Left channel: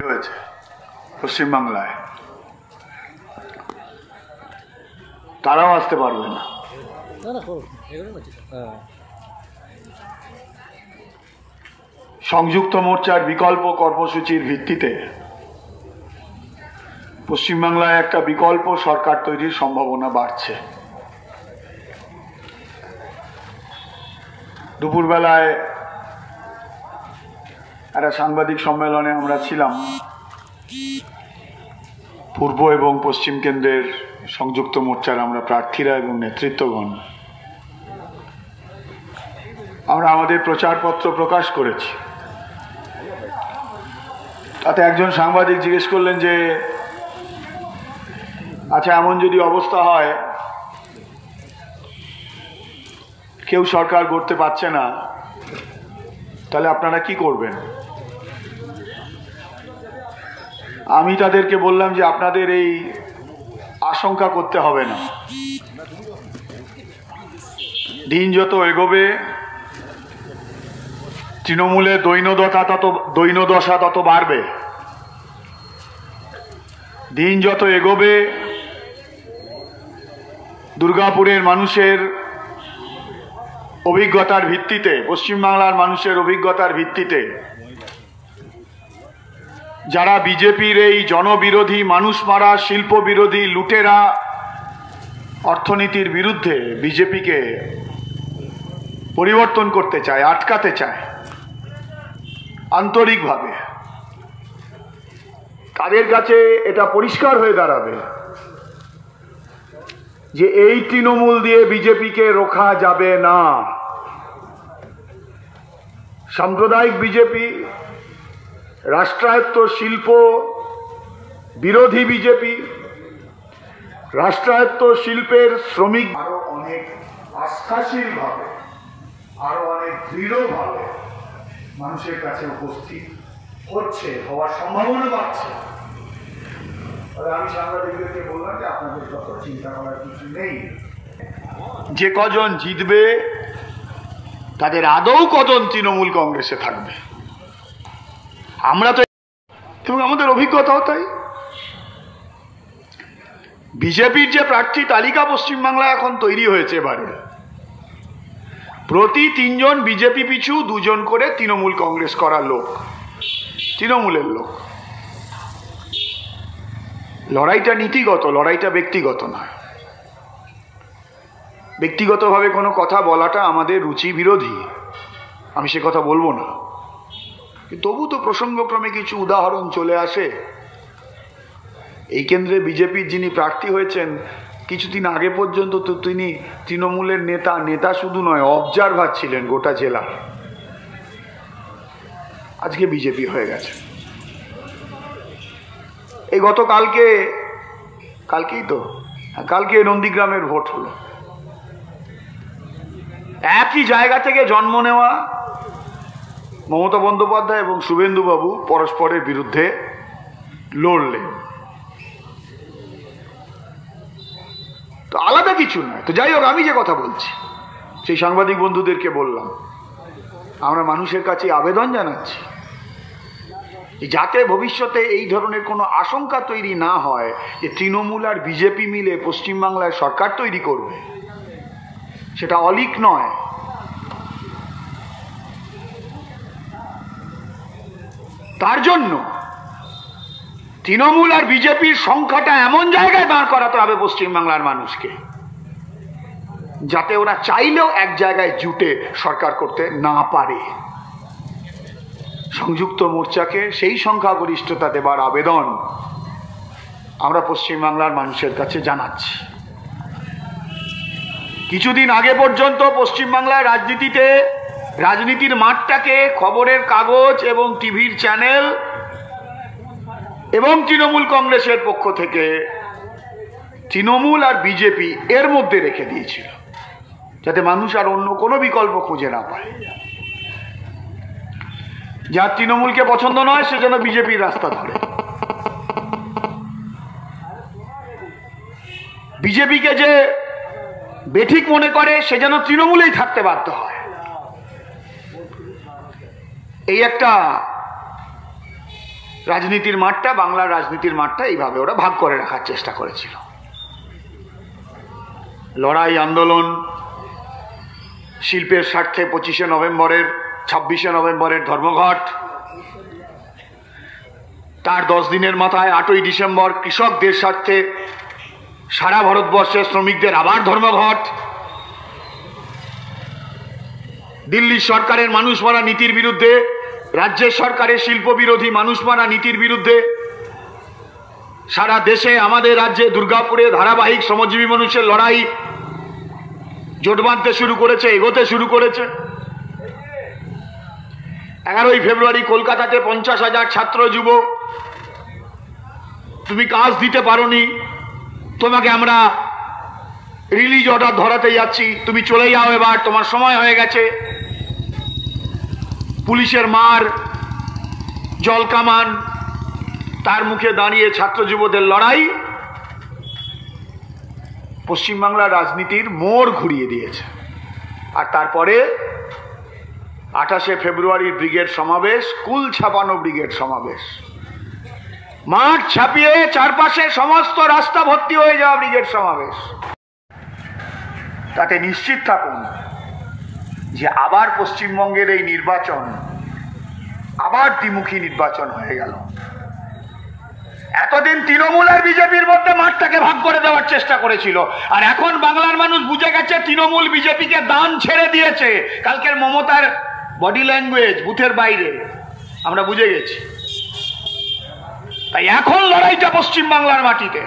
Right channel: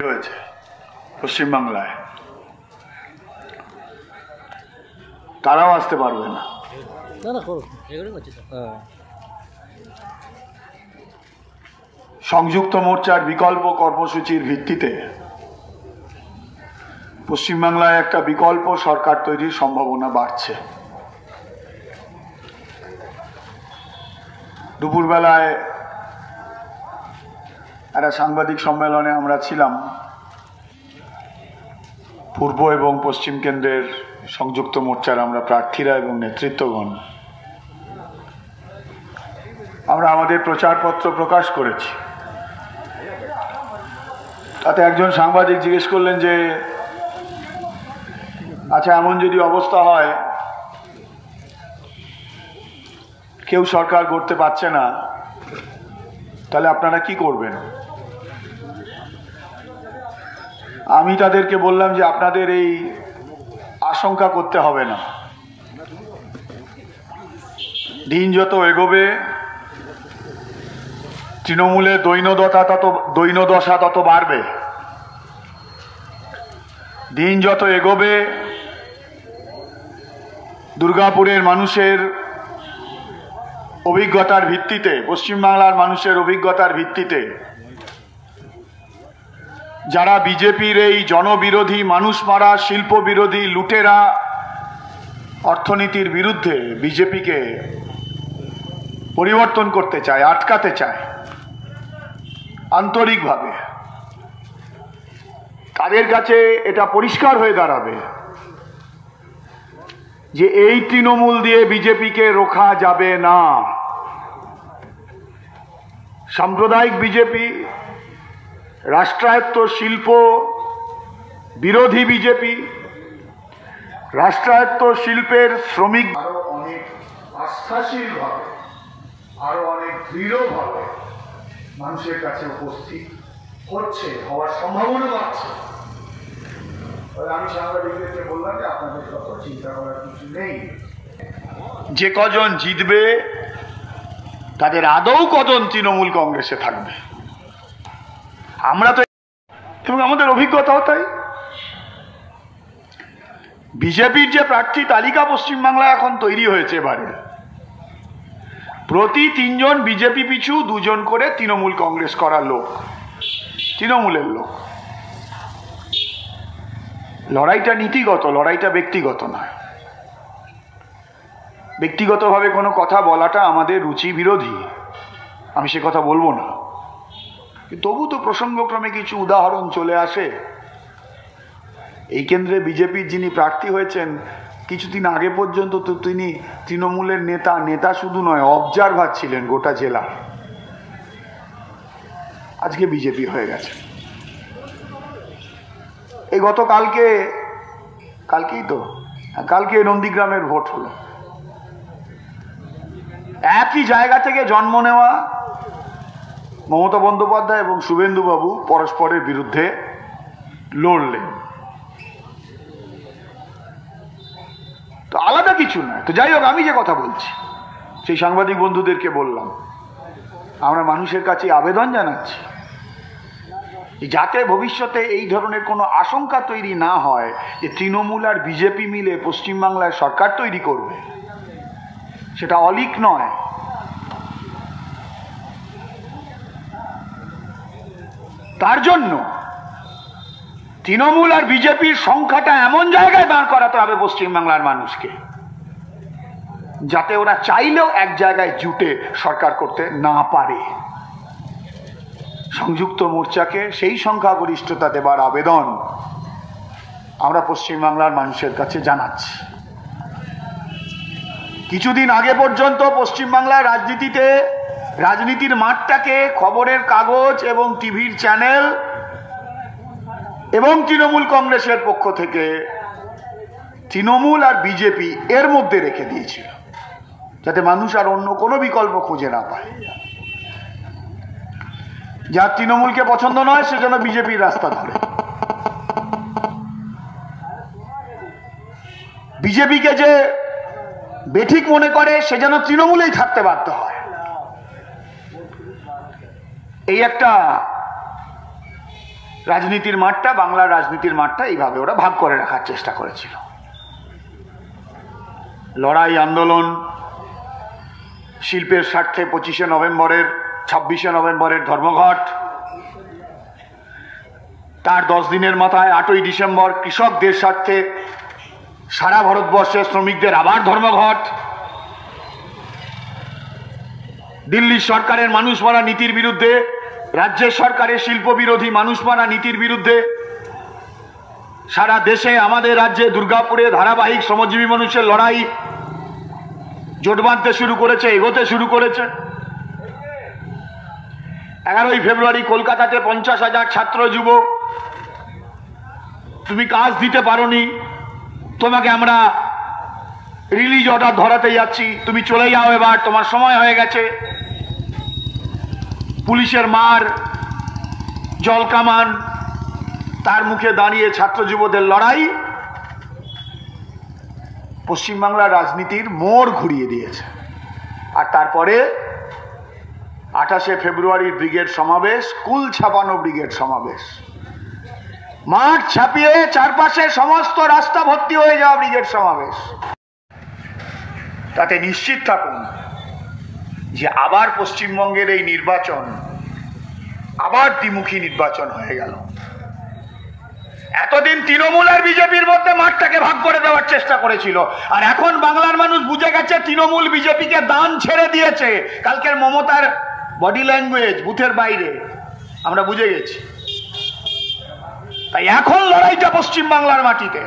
হয়েছে পশ্চিমবাংলায়, তারাও আসতে পারবে না। সংযুক্ত মোর্চার বিকল্প কর্মসূচির ভিত্তিতে পশ্চিমবাংলায় একটা বিকল্প সরকার তৈরির সম্ভাবনা বাড়ছে। দুপুরবেলায় একটা সাংবাদিক সম্মেলনে আমরা ছিলাম, পূর্ব এবং পশ্চিম কেন্দ্রের সংযুক্ত মোর্চার আমরা প্রার্থীরা এবং নেতৃত্বগণ আমরা আমাদের প্রচারপত্র প্রকাশ করেছি। তাতে একজন সাংবাদিক জিজ্ঞেস করলেন যে আচ্ছা, এমন যদি অবস্থা হয় কেউ সরকার গড়তে পারছে না, তাহলে আপনারা কি করবেন? আমি তাদেরকে বললাম যে আপনাদের এই আশঙ্কা করতে হবে না। দিন যত এগোবে তৃণমূলের দৈন্যদশা তত বাড়বে। দিন যত এগোবে দুর্গাপুরের মানুষের অভিজ্ঞতার ভিত্তিতে, পশ্চিমবাংলার মানুষের অভিজ্ঞতার ভিত্তিতে যারা বিজেপির এই জনবিরোধী, মানুষ মারা, শিল্প বিরোধী, লুটেরা অর্থনীতির বিরুদ্ধে বিজেপিকে পরিবর্তন করতে চায়, আটকাতে চায় আন্তরিকভাবে, তাদের কাছে এটা পরিষ্কার হয়ে দাঁড়াবে যে এই তৃণমূল দিয়ে বিজেপিকে রোখা যাবে না। সাম্প্রদায়িক বিজেপি, রাষ্ট্রায়ত্ত শিল্প বিরোধী বিজেপি, রাষ্ট্রায়ত্ত শিল্পের শ্রমিক আরো অনেক আস্থাশীল ভাবে, আরো অনেক দৃঢ়ভাবে মানুষের কাছে উপস্থিত হচ্ছে, হওয়ার সম্ভাবনা বাড়ছে। আমি সাংবাদিকদেরকে বললাম যে আপনাদের কত চিন্তা করার কিছু নেই। যে কজন জিতবে তাদের আদৌ কজন তৃণমূল কংগ্রেসে থাকবে আমরা তো, এবং আমাদের অভিজ্ঞতাও তাই। বিজেপির যে প্রার্থী তালিকা পশ্চিমবাংলায় এখন তৈরি হয়েছে, এবারে প্রতি 3 জন বিজেপি পিছু 2 জন করে তৃণমূল কংগ্রেস করার লোক, তৃণমূলের লোক। লড়াইটা নীতিগত, লড়াইটা ব্যক্তিগত নয়। ব্যক্তিগতভাবে কোনো কথা বলাটা আমাদের রুচি বিরোধী, আমি সে কথা বলবো না, তবু তো প্রসঙ্গক্রমে কিছু উদাহরণ চলে আসে। এই কেন্দ্রে বিজেপির যিনি প্রার্থী হয়েছেন, কিছুদিন আগে পর্যন্ত তো তিনি তৃণমূলের নেতা শুধু নয়, অবজারভার ছিলেন গোটা জেলার। আজকে বিজেপি হয়ে গেছে। এই কালকে নন্দীগ্রামের ভোট হলো। একই জায়গা থেকে জন্ম নেওয়া মমতা বন্দ্যোপাধ্যায় এবং শুভেন্দুবাবু পরস্পরের বিরুদ্ধে লড়লেন। তো আলাদা কিছু নয়। তো যাই হোক, আমি যে কথা বলছি সেই সাংবাদিক বন্ধুদেরকে বললাম, আমরা মানুষের কাছে আবেদন জানাচ্ছি যাতে ভবিষ্যতে এই ধরনের কোনো আশঙ্কা তৈরি না হয় যে তৃণমূল আর বিজেপি মিলে পশ্চিমবাংলায় সরকার তৈরি করবে। সেটা অলীক নয়। তার জন্য তৃণমূল আর বিজেপির সংখ্যাটা এমন জায়গায় দাঁড় করাতে হবে পশ্চিমবাংলার মানুষকে, যাতে ওরা চাইলেও এক জায়গায় জুটে সরকার করতে না পারে। সংযুক্ত মোর্চাকে সেই সংখ্যাগরিষ্ঠতা দেবার আবেদন আমরা পশ্চিমবাংলার মানুষের কাছে জানাচ্ছি। কিছুদিন আগে পর্যন্ত পশ্চিমবাংলার রাজনীতির মাঠটাকে খবরের কাগজ এবং টিভির চ্যানেল এবং তৃণমূল কংগ্রেসের পক্ষ থেকে তৃণমূল আর বিজেপি এর মধ্যে রেখে দিয়েছিল, যাতে মানুষ আর অন্য কোনো বিকল্প খুঁজে না পায়। যার তৃণমূলকে পছন্দ নয় সে যেন বিজেপির রাস্তা ধরে, বিজেপিকে যে বেঠিক মনে করে সে যেন তৃণমূলেই থাকতে বাধ্য হয়। এই একটা রাজনীতির মাঠটা, বাংলার রাজনীতির মাঠটা এইভাবে ওরা ভাগ করে রাখার চেষ্টা করেছিল। লড়াই, আন্দোলন, শিল্পের স্বার্থে 25শে নভেম্বরের 26শে নভেম্বরের ধর্মঘট, তার 10 দিনের মাথায় 8ই ডিসেম্বর কৃষকদের স্বার্থে সারা ভারতবর্ষের শ্রমিকদের আবার ধর্মঘট, দিল্লি সরকারের মানুষ মারা নীতির বিরুদ্ধে, রাজ্যের সরকারের শিল্প বিরোধী মানুষ মারা নীতির বিরুদ্ধে সারা দেশে, আমাদের রাজ্যে দুর্গাপুরে ধারাবাহিক শ্রমজীবী মানুষের লড়াই জোট বাঁধতে শুরু করেছে, এগোতে শুরু করেছে। 11ই ফেব্রুয়ারি কলকাতাতে 50,000 ছাত্র যুব, তুমি কাজ দিতে পারোনি, তোমাকে আমরা রিলিজ অর্ডার ধরাতে যাচ্ছি, তুমি চলে যাও, এবার তোমার সময় হয়ে গেছে। পুলিশের মার, জল কামান, তার মুখে দাঁড়িয়ে ছাত্র যুবদের লড়াই পশ্চিমবাংলার রাজনীতির মোড় ঘুরিয়ে দিয়েছে। আর তারপরে 28শে ফেব্রুয়ারির ব্রিগেড সমাবেশ, কুল ছাপানো ব্রিগেড সমাবেশ, মাঠ ছাপিয়ে চারপাশে সমস্ত রাস্তা ভর্তি হয়ে যাওয়া ব্রিগেড সমাবেশ। তাতে নিশ্চিত থাকুন যে আবার পশ্চিমবঙ্গের এই নির্বাচন আবার দ্বিমুখী নির্বাচন হয়ে গেল। এতদিন তৃণমূল আর বিজেপির মধ্যে মাঠটাকে ভাগ করে দেওয়ার চেষ্টা করেছিল, আর এখন বাংলার মানুষ বুঝে গেছে তৃণমূল বিজেপিকে দান ছেড়ে দিয়েছে। কালকের মমতার বডি ল্যাঙ্গুয়েজ বুথের বাইরে আমরা বুঝে গেছি। তাই এখন লড়াইটা পশ্চিমবাংলার মাটিতে।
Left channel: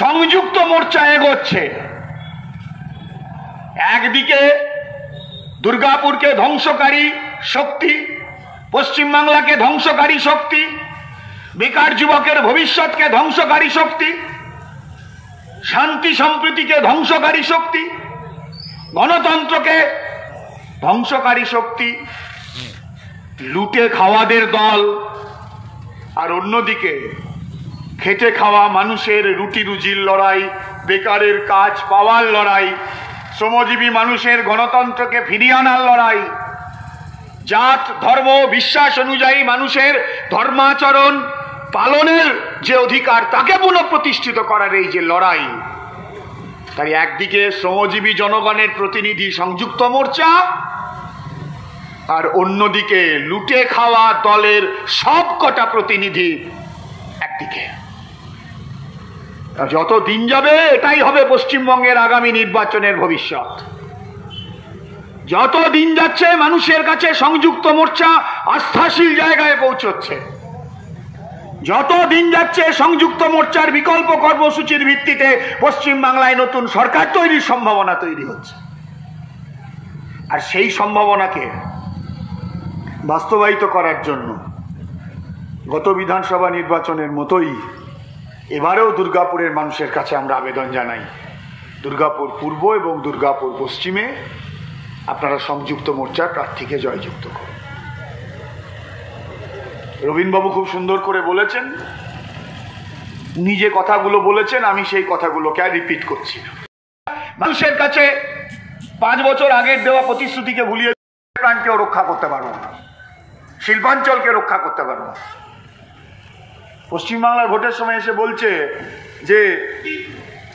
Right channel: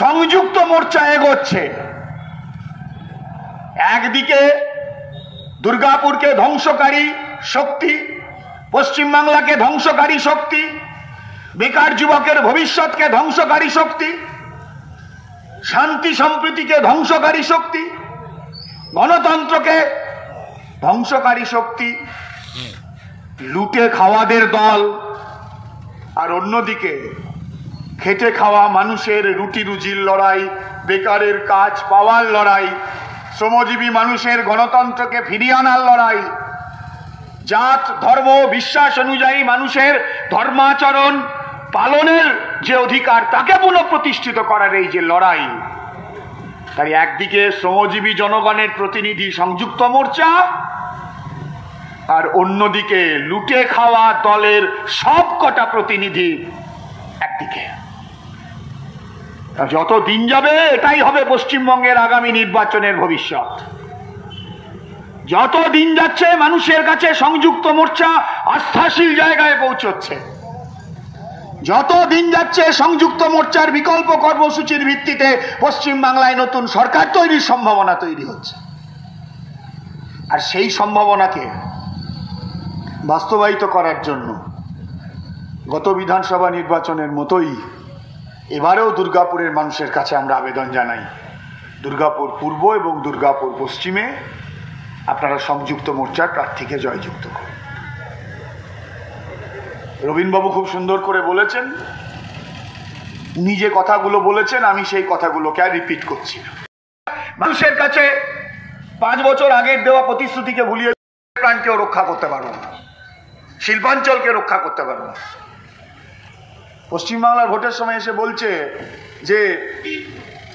সংযুক্ত মোর্চা এগোচ্ছে। একদিকে দুর্গাপুরকে ধ্বংসকারী শক্তি, পশ্চিমবাংলাকে ধ্বংসকারী শক্তি, বেকার যুবকের ভবিষ্যৎকে ধ্বংসকারী শক্তি, শান্তি সম্প্রীতিকে ধ্বংসকারী শক্তি, গণতন্ত্রকে ধ্বংসকারী শক্তি, লুটে খাওয়াদের দল। আর অন্যদিকে খেটে খাওয়া মানুষের রুটি রুজির লড়াই, বেকারের কাজ পাওয়ার লড়াই, শ্রমজীবী মানুষের গণতন্ত্রকে ফিরিয়ে আনার লড়াই, জাত ধর্ম বিশ্বাস অনুযায়ী মানুষের ধর্মাচরণ পালনের যে অধিকার তাকে পুনঃপ্রতিষ্ঠিত করার এই যে লড়াই। তাই একদিকে শ্রমজীবী জনগণের প্রতিনিধি সংযুক্ত মোর্চা, আর অন্যদিকে লুটে খাওয়া দলের সবকটা প্রতিনিধি একদিকে। যত দিন যাবে এটাই হবে পশ্চিমবঙ্গের আগামী নির্বাচনের ভবিষ্যৎ। যত দিন যাচ্ছে মানুষের কাছে সংযুক্ত মোর্চা আস্থাশীল জায়গায় পৌঁছচ্ছে। যত দিন যাচ্ছে সংযুক্ত মোর্চার বিকল্প কর্মসূচির ভিত্তিতে পশ্চিমবাংলায় নতুন সরকার তৈরির সম্ভাবনা তৈরি হচ্ছে। আর সেই সম্ভাবনাকে বাস্তবায়িত করার জন্য গত বিধানসভা নির্বাচনের মতোই এবারেও দুর্গাপুরের মানুষের কাছে আমরা আবেদন জানাই, দুর্গাপুর পূর্ব এবং দুর্গাপুর পশ্চিমে আপনারা সংযুক্ত মোর্চার প্রার্থীকে জয়যুক্ত করুন। রবীনবাবু খুব সুন্দর করে বলেছেন, উনি যে কথাগুলো বলেছেন আমি সেই কথাগুলোকে আর রিপিট করছি। মানুষের কাছে 5 বছর আগের দেওয়া প্রতিশ্রুতিকে ভুলিয়ে প্রাণকেও রক্ষা করতে পারবো না, শিল্পাঞ্চলকে রক্ষা করতে পারবো না। পশ্চিমবাংলার ভোটের সময় এসে বলছে যে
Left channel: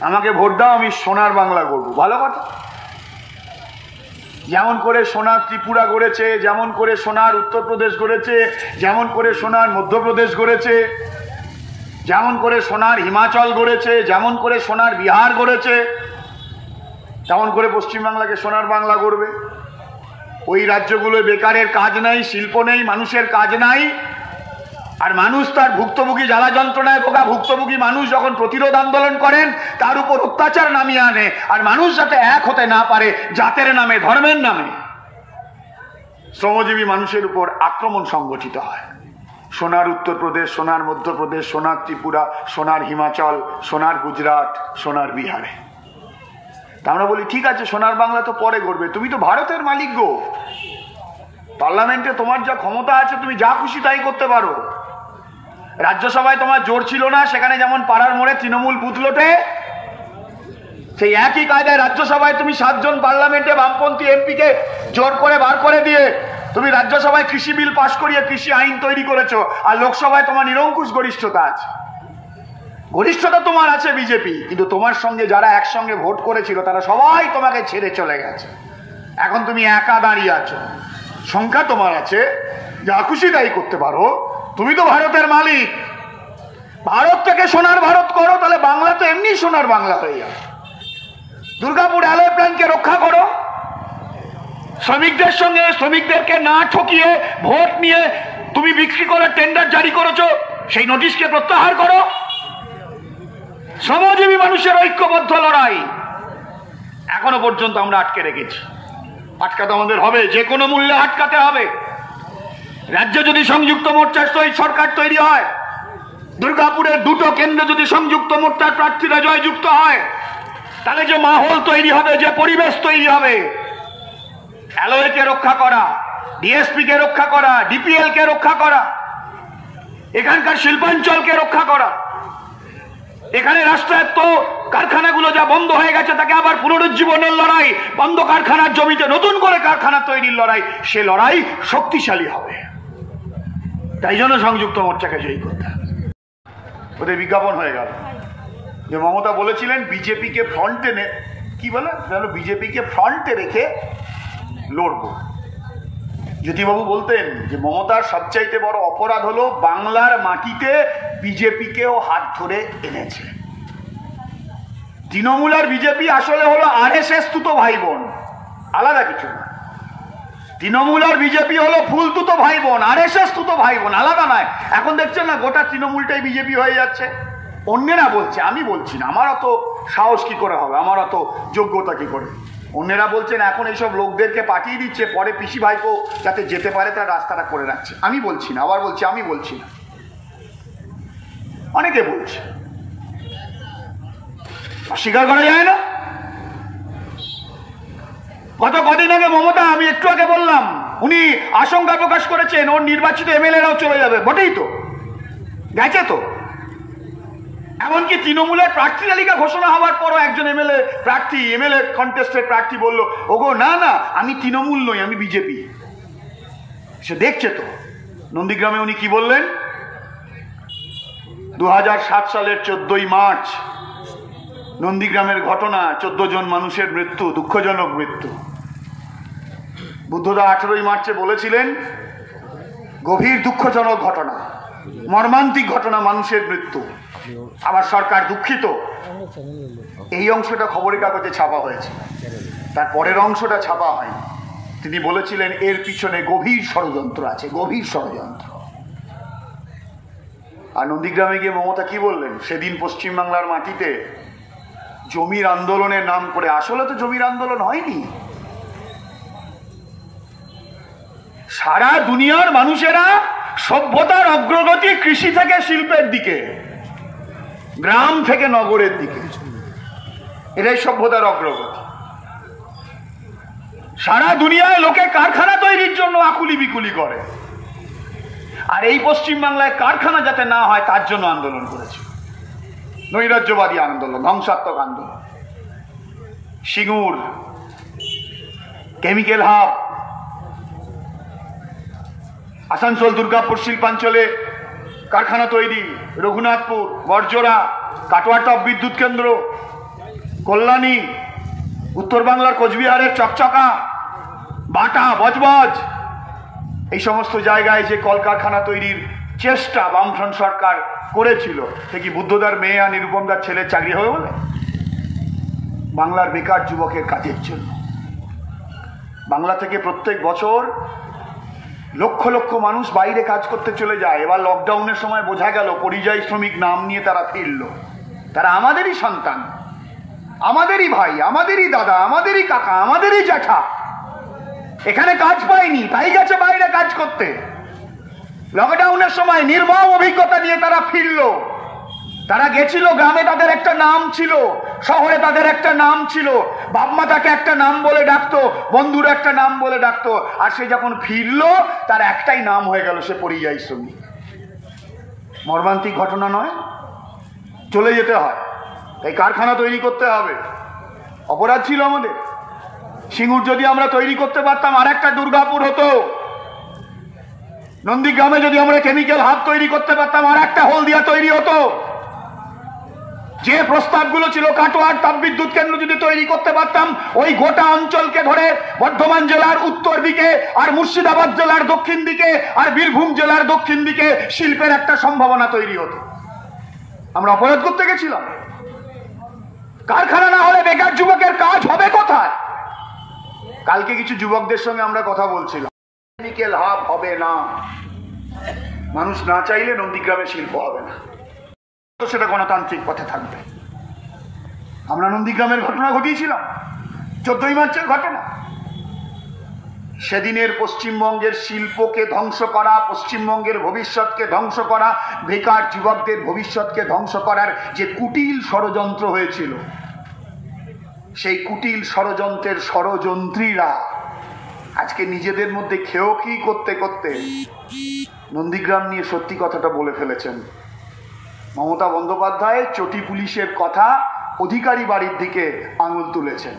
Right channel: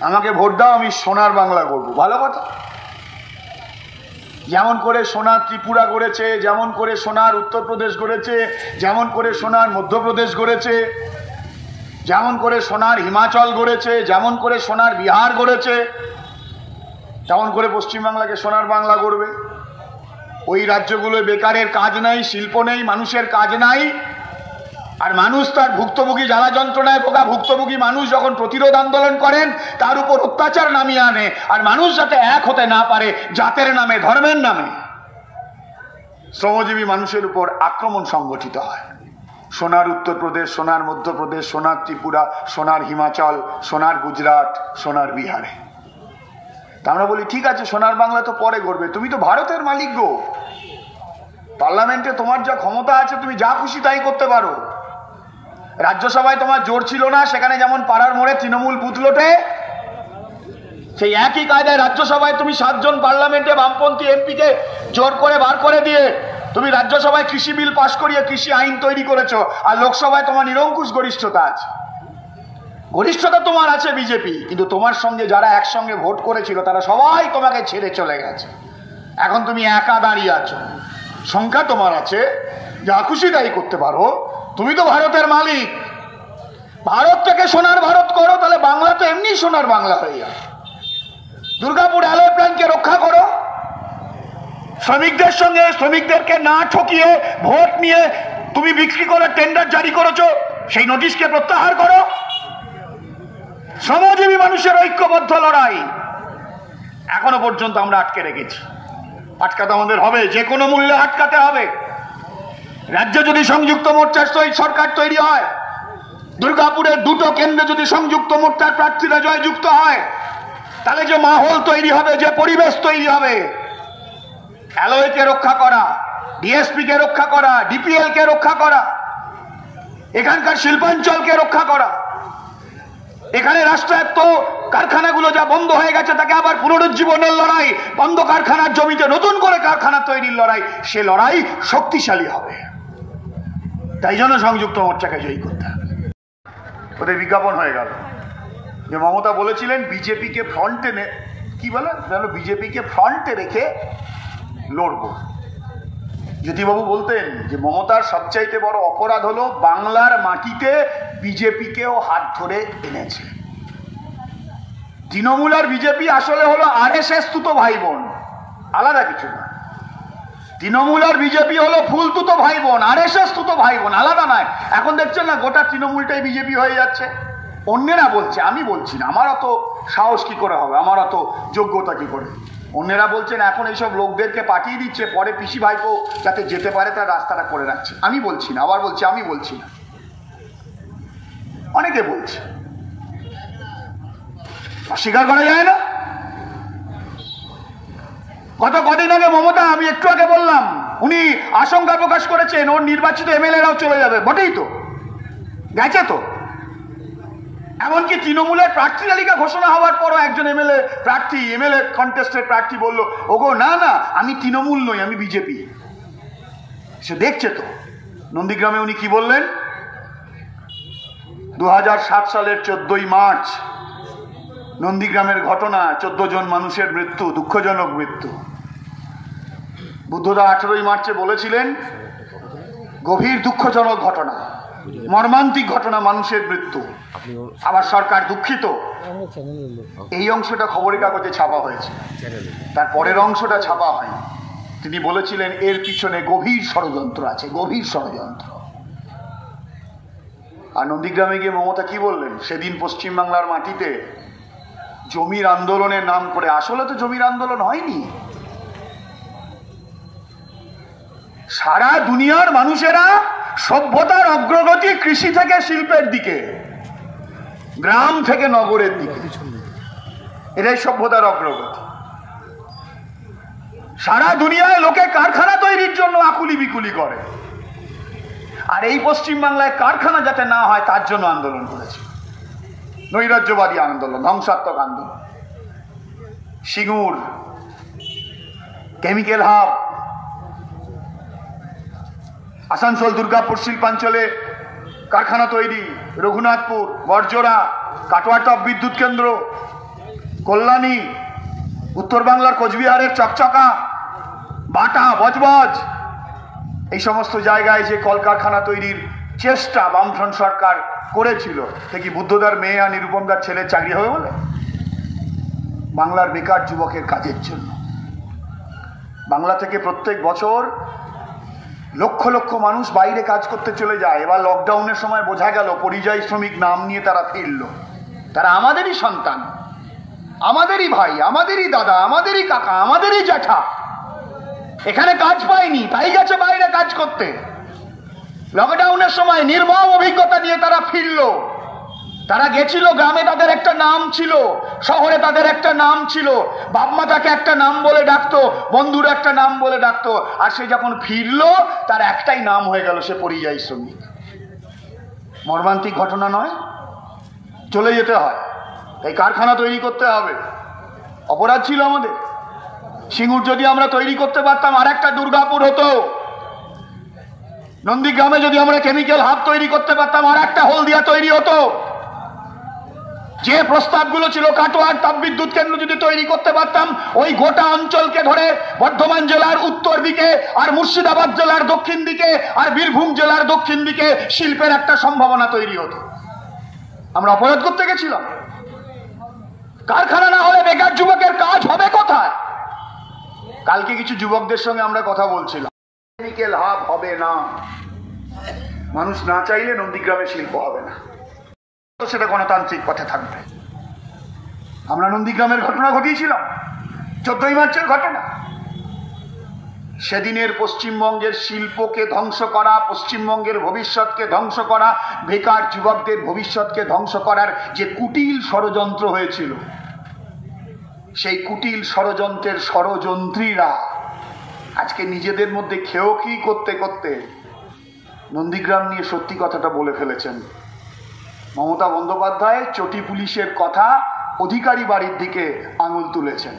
আমাকে ভোট দাও, আমি সোনার বাংলা করবো। ভালো কথা। যেমন করে সোনার ত্রিপুরা গড়েছে, যেমন করে সোনার উত্তরপ্রদেশ গড়েছে, যেমন করে সোনার মধ্যপ্রদেশ গড়েছে, যেমন করে সোনার হিমাচল গড়েছে, যেমন করে সোনার বিহার গড়েছে, তেমন করে পশ্চিমবাংলাকে সোনার বাংলা গড়বে। ওই রাজ্যগুলোয় বেকারের কাজ নাই, শিল্প নেই, মানুষের কাজ নাই। আর মানুষ তার ভুক্তভোগী জ্বালা যন্ত্রণায় ভোগা ভুক্তভোগী মানুষ যখন প্রতিরোধ আন্দোলন করেন, তার উপর অত্যাচার নামিয়ে আনে। আর মানুষ যাতে এক হতে না পারে জাতের নামে, ধর্মের নামে, শ্রমজীবী মানুষের উপর আক্রমণ সংগঠিত হয়। সোনার উত্তরপ্রদেশ, সোনার মধ্যপ্রদেশ, সোনার ত্রিপুরা, সোনার হিমাচল, সোনার গুজরাট, সোনার বিহারে। তা আমরা বলি ঠিক আছে, সোনার বাংলা তো পরে গড়বে, তুমি তো ভারতের মালিক গো। পার্লামেন্টে তোমার যা ক্ষমতা আছে তুমি যা খুশি তাই করতে পারো। রাজ্যসভায় তোমার জোর ছিল না, সেখানে যেমন পাড়ার মোড়ে তৃণমূল বুথ লোটে, সেই একই কায়দায় রাজ্যসভায় তুমি 7 জন পার্লামেন্টে বামপন্থী এমপিকে জোর করে বার করে দিয়ে তুমি রাজ্যসভায় কৃষি বিল পাশ করিয়ে কৃষি আইন তৈরি করেছো, আর লোকসভায় তোমার নিরঙ্কুশ গরিষ্ঠতা আছে। গরিষ্ঠতা তোমার আছে বিজেপি, কিন্তু তোমার সঙ্গে যারা একসঙ্গে ভোট করেছিল তারা সবাই তোমাকে ছেড়ে চলে গেছে। এখন তুমি একা দাঁড়িয়ে আছো। সংখ্যা তোমার আছে, যা খুশি তাই করতে পারো। তুমি তো ভারতের মালিক। ভারত থেকে সোনার ভারত করো, তাহলে বাংলা তো এমনি সোনার বাংলা হয়ে যাবে। দুর্গাপুর অ্যালয় প্ল্যান্টকে রক্ষা করো। শ্রমিকদের সঙ্গে শ্রমিকদেরকে না ঠকিয়ে ভোট নিয়ে তুমি বিক্রি করে টেন্ডার জারি করেছো, সেই নোটিশকে প্রত্যাহার করো। শ্রমজীবী মানুষের ঐক্যবদ্ধ লড়াই এখনো পর্যন্ত আমরা আটকে রেখেছি। আটকাতে আমাদের হবে, যে কোনো মূল্যে আটকাতে হবে। রাজ্যে যদি সংযুক্ত মোর্চার সরকার তৈরি হয়, দুর্গাপুরের দুটো কেন্দ্রে যদি সংযুক্ত মোর্চার প্রার্থীরা জয়যুক্ত হয়, তাহলে যে মাহল তৈরি হবে, যে পরিবেশ তৈরি হবে, অ্যালয়কে রক্ষা করা, ডিএসপি কে রক্ষা করা, ডিপিএল কে রক্ষা করা, এখানকার শিল্পাঞ্চলকে রক্ষা করা, এখানে রাষ্ট্রায়ত্ত কারখানাগুলো যা বন্ধ হয়ে গেছে তাকে আবার পুনরুজ্জীবনের লড়াই, বন্ধ কারখানার জমিতে নতুন করে কারখানা তৈরির লড়াই, সে লড়াই শক্তিশালী হবে। তাই জন্য সংযুক্ত মোর্চাকে জয়ী করতে হবে। ওদের বিজ্ঞাপন হয়ে গেল যে মমতা বলেছিলেন বিজেপিকে ফ্রন্টে কি বলে বিজেপিকে ফ্রন্টে রেখে লড়বো। জ্যোতিবাবু বলতেন যে মমতার সবচাইতে বড় অপরাধ হলো বাংলার মাটিতে বিজেপিকেও হাত ধরে এনেছে। তৃণমূল আর বিজেপি আসলে হলো আরএসএস তুতো ভাই বোন, আলাদা কিছু না। তৃণমূল আর বিজেপি হলো ফুল তুতো ভাই বোন, আরএসএস তুতো ভাই বোন, আলাদা নয়। এখন দেখছেন না গোটা তৃণমূলটাই বিজেপি হয়ে যাচ্ছে। অন্যেরা বলছে, আমি বলছি না। আমার অত সাহস কি করে হবে, আমার অত যোগ্যতা কি করে? অন্যেরা বলছেন এখন এইসব লোকদেরকে পাঠিয়ে দিচ্ছে, পরে পিসি ভাইপো যাতে যেতে পারে তার রাস্তাটা করে রাখছে। আমি বলছি না, আবার বলছি আমি বলছি না, অনেকে বলছে, অস্বীকার করা যায় না। গত কদিন আগে মমতা, আমি একটু আগে বললাম, উনি আশঙ্কা প্রকাশ করেছেন ওর নির্বাচিত এমএলএরাও চলে যাবে। বটেই তো, গেছে তো। এমনকি তৃণমূলের প্রার্থী তালিকা ঘোষণা হওয়ার পরও একজন এমএলএ কন্টেস্টের প্রার্থী বলল, ওগো না না, আমি তৃণমূল নই, আমি বিজেপি। সে দেখছে তো। নন্দীগ্রামে উনি কি বললেন? 2007 সালের 14ই মার্চ নন্দীগ্রামের ঘটনা, 14 জন মানুষের মৃত্যু, দুঃখজনক মৃত্যু। বুদ্ধদা 18ই মার্চে বলেছিলেন গভীর দুঃখজনক ঘটনা, মর্মান্তিক ঘটনা, মানুষের মৃত্যু। আবার সরকার দুঃখিত। এই অংশটা খবরের কাগজে ছাপা হয়েছে, তার পরের অংশটা ছাপা হয়নি। তিনি বলেছিলেন এর পিছনে গভীর ষড়যন্ত্র আছে, গভীর ষড়যন্ত্র। আর নন্দীগ্রামে গিয়ে মমতা কি বললেন? সেদিন পশ্চিমবাংলার মাটিতে জমির আন্দোলনের নাম করে, আসলে তো জমির আন্দোলন হয়নি। সারা দুনিয়ার মানুষেরা সভ্যতার অগ্রগতি কৃষি থেকে শিল্পের দিকে, গ্রাম থেকে নগরের দিকে, এটাই সভ্যতার অগ্রগতি। সারা দুনিয়ায় লোকে কারখানা তৈরির জন্য আকুলি বিকুলি করে, আর এই পশ্চিমবাংলায় কারখানা যাতে না হয় তার জন্য আন্দোলন করেছে। নৈরাজ্যবাদী আন্দোলন, ধ্বংসাত্মক আন্দোলন। সিঙ্গুর, কেমিক্যাল হাব, আসানসোল দুর্গাপুর শিল্পাঞ্চলে কারখানা তৈরি, রঘুনাথপুর, বরজোড়া, কাটোয়াটপ বিদ্যুৎ কেন্দ্র, কল্যাণী, উত্তর বাংলার কোচবিহারের চকচকা, বাটা, বজবজ, এই সমস্ত জায়গায় যে কলকারখানা তৈরির চেষ্টা বামফ্রন্ট সরকার করেছিল, সে কি বুদ্ধদার মেয়ে আর নিরুপমদার ছেলের চাকরি হবে বলে? বাংলার বেকার যুবকের কাজের জন্য। বাংলা থেকে প্রত্যেক বছর লক্ষ লক্ষ মানুষ বাইরে কাজ করতে চলে যায়। এবার লকডাউনের সময় বোঝা গেল পরিযায়ী শ্রমিক নাম নিয়ে তারা ফিরল। তারা আমাদেরই সন্তান, আমাদেরই ভাই, আমাদেরই দাদা, আমাদেরই কাকা, আমাদেরই জ্যাঠা। এখানে কাজ পায়নি, তাই গেছে বাইরে কাজ করতে। লকডাউনের সময় নির্মম অভিজ্ঞতা নিয়ে তারা ফিরল। তারা গেছিল, গ্রামে তাদের একটা নাম ছিল, শহরে তাদের একটা নাম ছিল, বাপমা তাকে একটা নাম বলে ডাকতো, বন্ধুর একটা নাম বলে ডাকতো। আর সে যখন ফিরল তার একটাই নাম হয়ে গেল, সে পরিযায়ী শ্রমিক। মর্মান্তিক ঘটনা নয়? চলে যেতে হয়, এই কারখানা তৈরি করতে হবে। অপরাধ ছিল আমাদের। সিঙ্গুর যদি আমরা তৈরি করতে পারতাম, আর একটা দুর্গাপুর হতো। নন্দীগ্রামে যদি আমরা কেমিক্যাল হাব তৈরি করতে পারতাম, আর একটা হলদিয়া তৈরি হতো। যে প্রস্তাবগুলো ছিল কাটোয়ার তাপবিদ্যুৎ কেন্দ্র যদি তৈরি করতে পারতাম, ওই গোটা অঞ্চলকে ধরে বর্ধমান জেলার উত্তর দিকে আর মুর্শিদাবাদ জেলার দক্ষিণ দিকে আর বীরভূম জেলার দক্ষিণ দিকে শিল্পের একটা সম্ভাবনা তৈরি হতো। আমরা অপরাধ করতে গেছিলাম। কারখানা না হলে বেকার যুবকের কাজ হবে কোথায়? কালকে কিছু যুবকদের সঙ্গে আমরা কথা বলছিলাম, কেমিক্যাল হাব হবে না, মানুষ না চাইলে নন্দীগ্রামে শিল্প হবে না, তো সেটা গণতান্ত্রিক পথে থাকবে। আমরা নন্দীগ্রামের ঘটনা ঘটিয়েছিলাম, 14ই মার্চের ঘটনা। সেদিনের পশ্চিমবঙ্গের শিল্পকে ধ্বংস করা, পশ্চিমবঙ্গের ভবিষ্যৎকে ধ্বংস করা, বেকার যুবকদের ভবিষ্যৎকে ধ্বংস করার যে কুটিল ষড়যন্ত্র হয়েছিল, সেই কুটিল ষড়যন্ত্রের ষড়যন্ত্রীরা আজকে নিজেদের মধ্যে খেয়োকি করতে করতে নন্দীগ্রাম নিয়ে সত্যি কথাটা বলে ফেলেছেন। মমতা বন্দ্যোপাধ্যায় চটি পুলিশের কথা অধিকারী বাড়ির দিকে আঙুল তুলেছেন,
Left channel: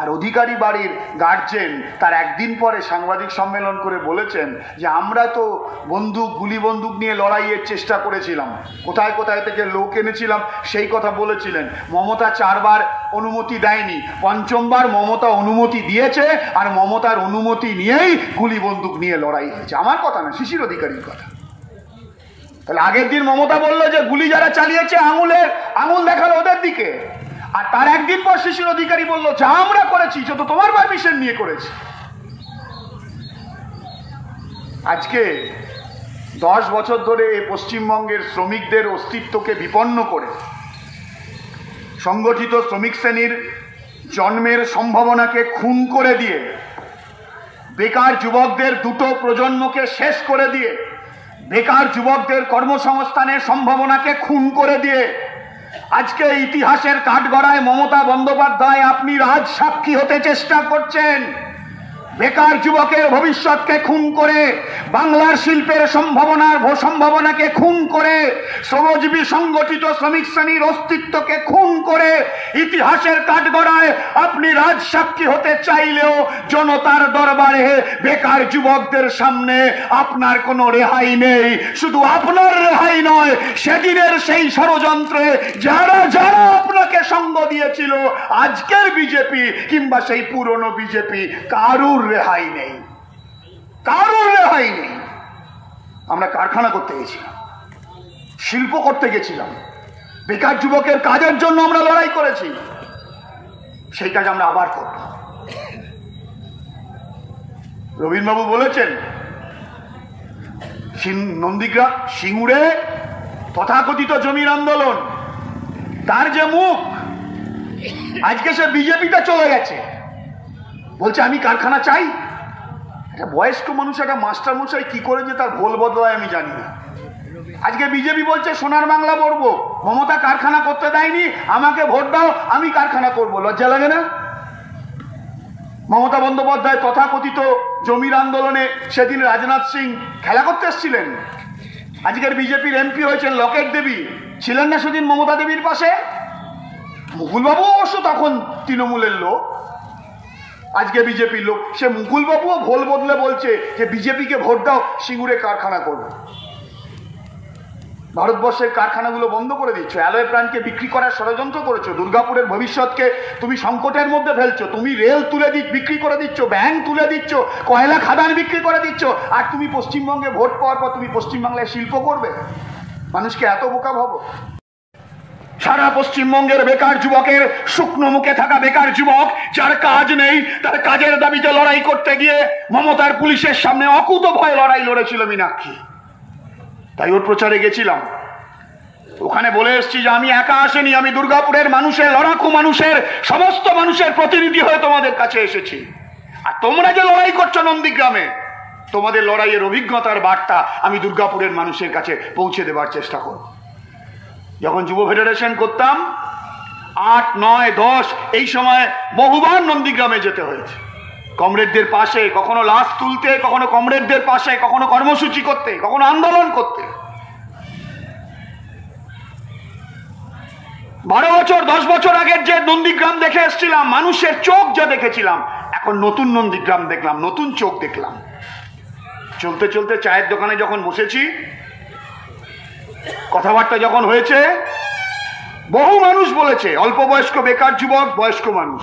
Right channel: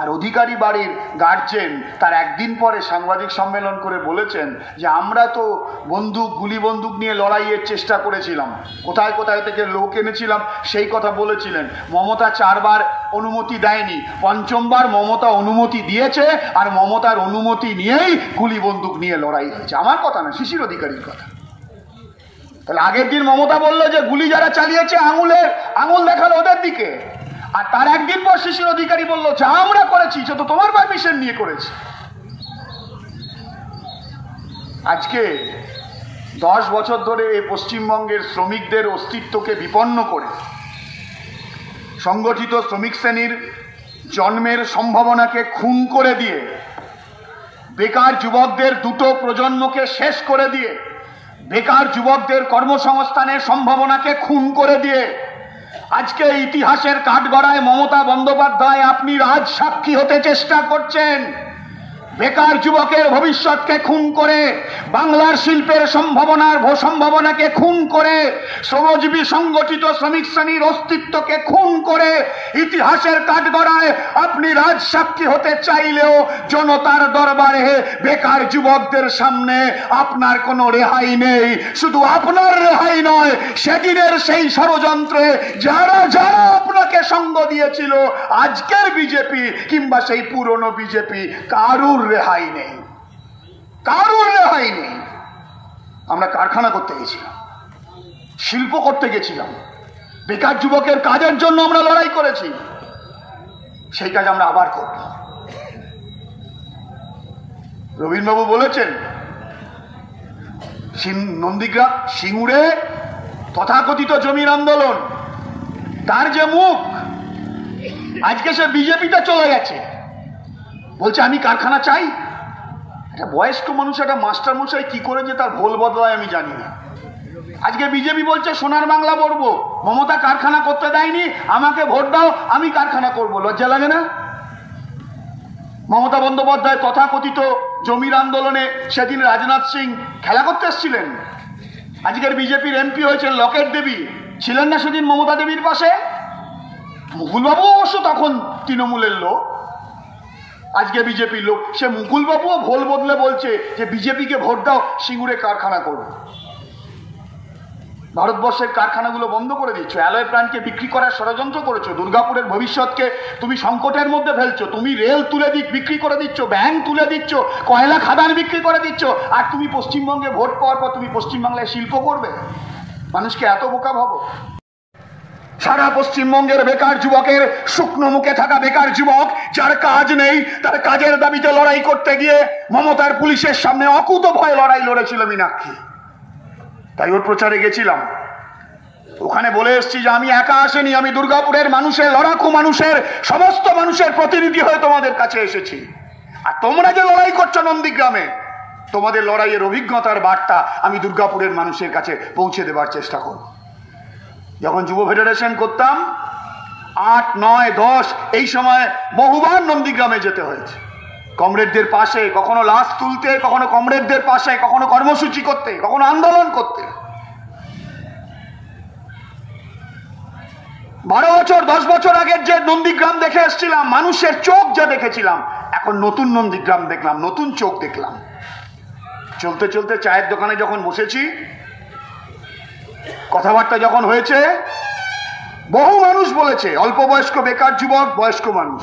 আর অধিকারী বাড়ির গার্জেন তার একদিন পরে সাংবাদিক সম্মেলন করে বলেছেন যে আমরা তো বন্দুক, গুলি বন্দুক নিয়ে লড়াইয়ের চেষ্টা করেছিলাম, কোথায় কোথায় থেকে লোক এনেছিলাম সেই কথা বলেছিলেন। মমতা 4 বার অনুমতি দেয়নি, 5বার মমতা অনুমতি দিয়েছে, আর মমতার অনুমতি নিয়েই গুলি বন্দুক নিয়ে লড়াই হয়েছে। আমার কথা না, শিশির অধিকারীর কথা। তাহলে আগের দিন মমতা বললো যে গুলি যারা চালিয়েছে আঙুল দেখালো ওদের দিকে, আর তার একদিন পর শিশির অধিকারী বললো যা আমরা করেছি সে তো তোমার পারমিশন নিয়ে করেছি। আজকে 10 বছর ধরে পশ্চিমবঙ্গের শ্রমিকদের অস্তিত্বকে বিপন্ন করে, সংগঠিত শ্রমিক শ্রেণীর জন্মের সম্ভাবনাকে খুন করে দিয়ে, বেকার যুবকদের 2টো প্রজন্মকে শেষ করে দিয়ে, বেকার যুবকদের কর্মসংস্থানের সম্ভাবনাকে খুন করে দিয়ে আজকে ইতিহাসের কাঠগড়ায় মমতা বন্দ্যোপাধ্যায় আপনি রাজ সাক্ষী হতে চেষ্টা করছেন। বেকার যুবকের ভবিষ্যৎকে খুন করে, বাংলার শিল্পের সম্ভাবনাকে খুন করে, শ্রমজীবী সংগঠিত শ্রমিক শ্রেণীর অস্তিত্বকে খুন করে ইতিহাসের কাঠগড়ায় আপনি রাজ সাক্ষী হতে চাইলেও জনতার দরবারে বেকার যুবকদের সামনে আপনার কোনো রেহাই নেই। শুধু আপনার রেহাই নয়, সেদিনের সেই ষড়যন্ত্রে যারা যারা আপনাকে সঙ্গ দিয়েছিল, আজকের বিজেপি কিংবা সেই পুরনো বিজেপি, কারুর রেহাই নেই, কারুর রেহাই নেই। আমরা কারখানা করতে গেছিলাম, শিল্প করতে গেছিলাম, বেকার যুবকের কাজের জন্য আমরা লড়াই করেছি, সেই কাজ আমরা আবার করব। রবীন্দ্রবাবু বলেছেন নন্দীগ্রাম সিঙ্গুরে তথাকথিত জমির আন্দোলন, তার যে মুখ, আজকে সে বিজেপিতে চলে গেছে, বলছে আমি কারখানা চাই। একটা বয়স্ক মানুষ, একটা মাস্টার মশাই কি করে যে তার ভোল বদলায় আমি জানি না। আজকে বিজেপি বলছে সোনার বাংলা করবো, মমতা কারখানা করতে দেয়নি, আমাকে ভোট দাও আমি কারখানা করব। লজ্জা লাগে না? মমতা বন্দ্যোপাধ্যায় তথাকথিত জমির আন্দোলনে সেদিন রাজনাথ সিং খেলা করতে এসেছিলেন, আজকের বিজেপির এমপি হয়েছেন লকেট দেবী, ছিলেন না সেদিন মমতা দেবীর পাশে? মুকুলবাবু অবশ্য তখন তৃণমূলের লোক, আজকে বিজেপির লোক। সে মুকুলবাবুও ভোল বদলে বলছে যে বিজেপিকে ভোট দাও, সিঙ্গুরে কারখানা করবে। ভারতবর্ষের কারখানাগুলো বন্ধ করে দিচ্ছ, অ্যালয় প্রাণকে বিক্রি করার ষড়যন্ত্র করেছো, দুর্গাপুরের ভবিষ্যৎকে তুমি সংকটের মধ্যে ফেলছো, তুমি রেল তুলে বিক্রি করে দিচ্ছ, ব্যাংক তুলে দিচ্ছ, কয়লা খাদান বিক্রি করে দিচ্ছ, আর তুমি পশ্চিমবঙ্গে ভোট পাওয়ার পর তুমি পশ্চিমবাংলায় শিল্প করবে? মানুষকে এত বোকা ভাবো? সারা পশ্চিমবঙ্গের বেকার যুবকের, শুকনো মুখে থাকা বেকার যুবক যার কাজ নেই, তার কাজের দাবিতে লড়াই করতে গিয়ে মমতার পুলিশের সামনে অকুত ভয় লড়াই লড়েছিল মীনাক্ষী। তাই ওর প্রচারে গেছিলাম, ওখানে বলে এসছি যে আমি একা আসেনি, আমি দুর্গাপুরের মানুষের, লড়াকু মানুষের, সমস্ত মানুষের প্রতিনিধি হয়ে তোমাদের কাছে এসেছি। আর তোমরা যে লড়াই করছো নন্দীগ্রামে, তোমাদের লড়াইয়ের অভিজ্ঞতার বার্তা আমি দুর্গাপুরের মানুষের কাছে পৌঁছে দেবার চেষ্টা করব। যখন যুব ফেডারেশন করতাম 8, 9, 10 এই সময় বহুবার নন্দীগ্রামে যেতে হয়েছে, কমরেডদের পাশে, কখনো লাশ তুলতে, কখনো কমরেডদের পাশে, কখনো কর্মসূচি করতে, কখনো আন্দোলন করতে। 12 বছর 10 বছর আগের যে নন্দীগ্রাম দেখে এসেছিলাম, মানুষের চোখ যা দেখেছিলাম, এখন নতুন নন্দীগ্রাম দেখলাম, নতুন চোখ দেখলাম। চলতে চলতে চায়ের দোকানে যখন বসেছি, কথাবার্তা যখন হয়েছে, বহু মানুষ বলেছে, অল্প বয়স্ক বেকার যুবক, বয়স্ক মানুষ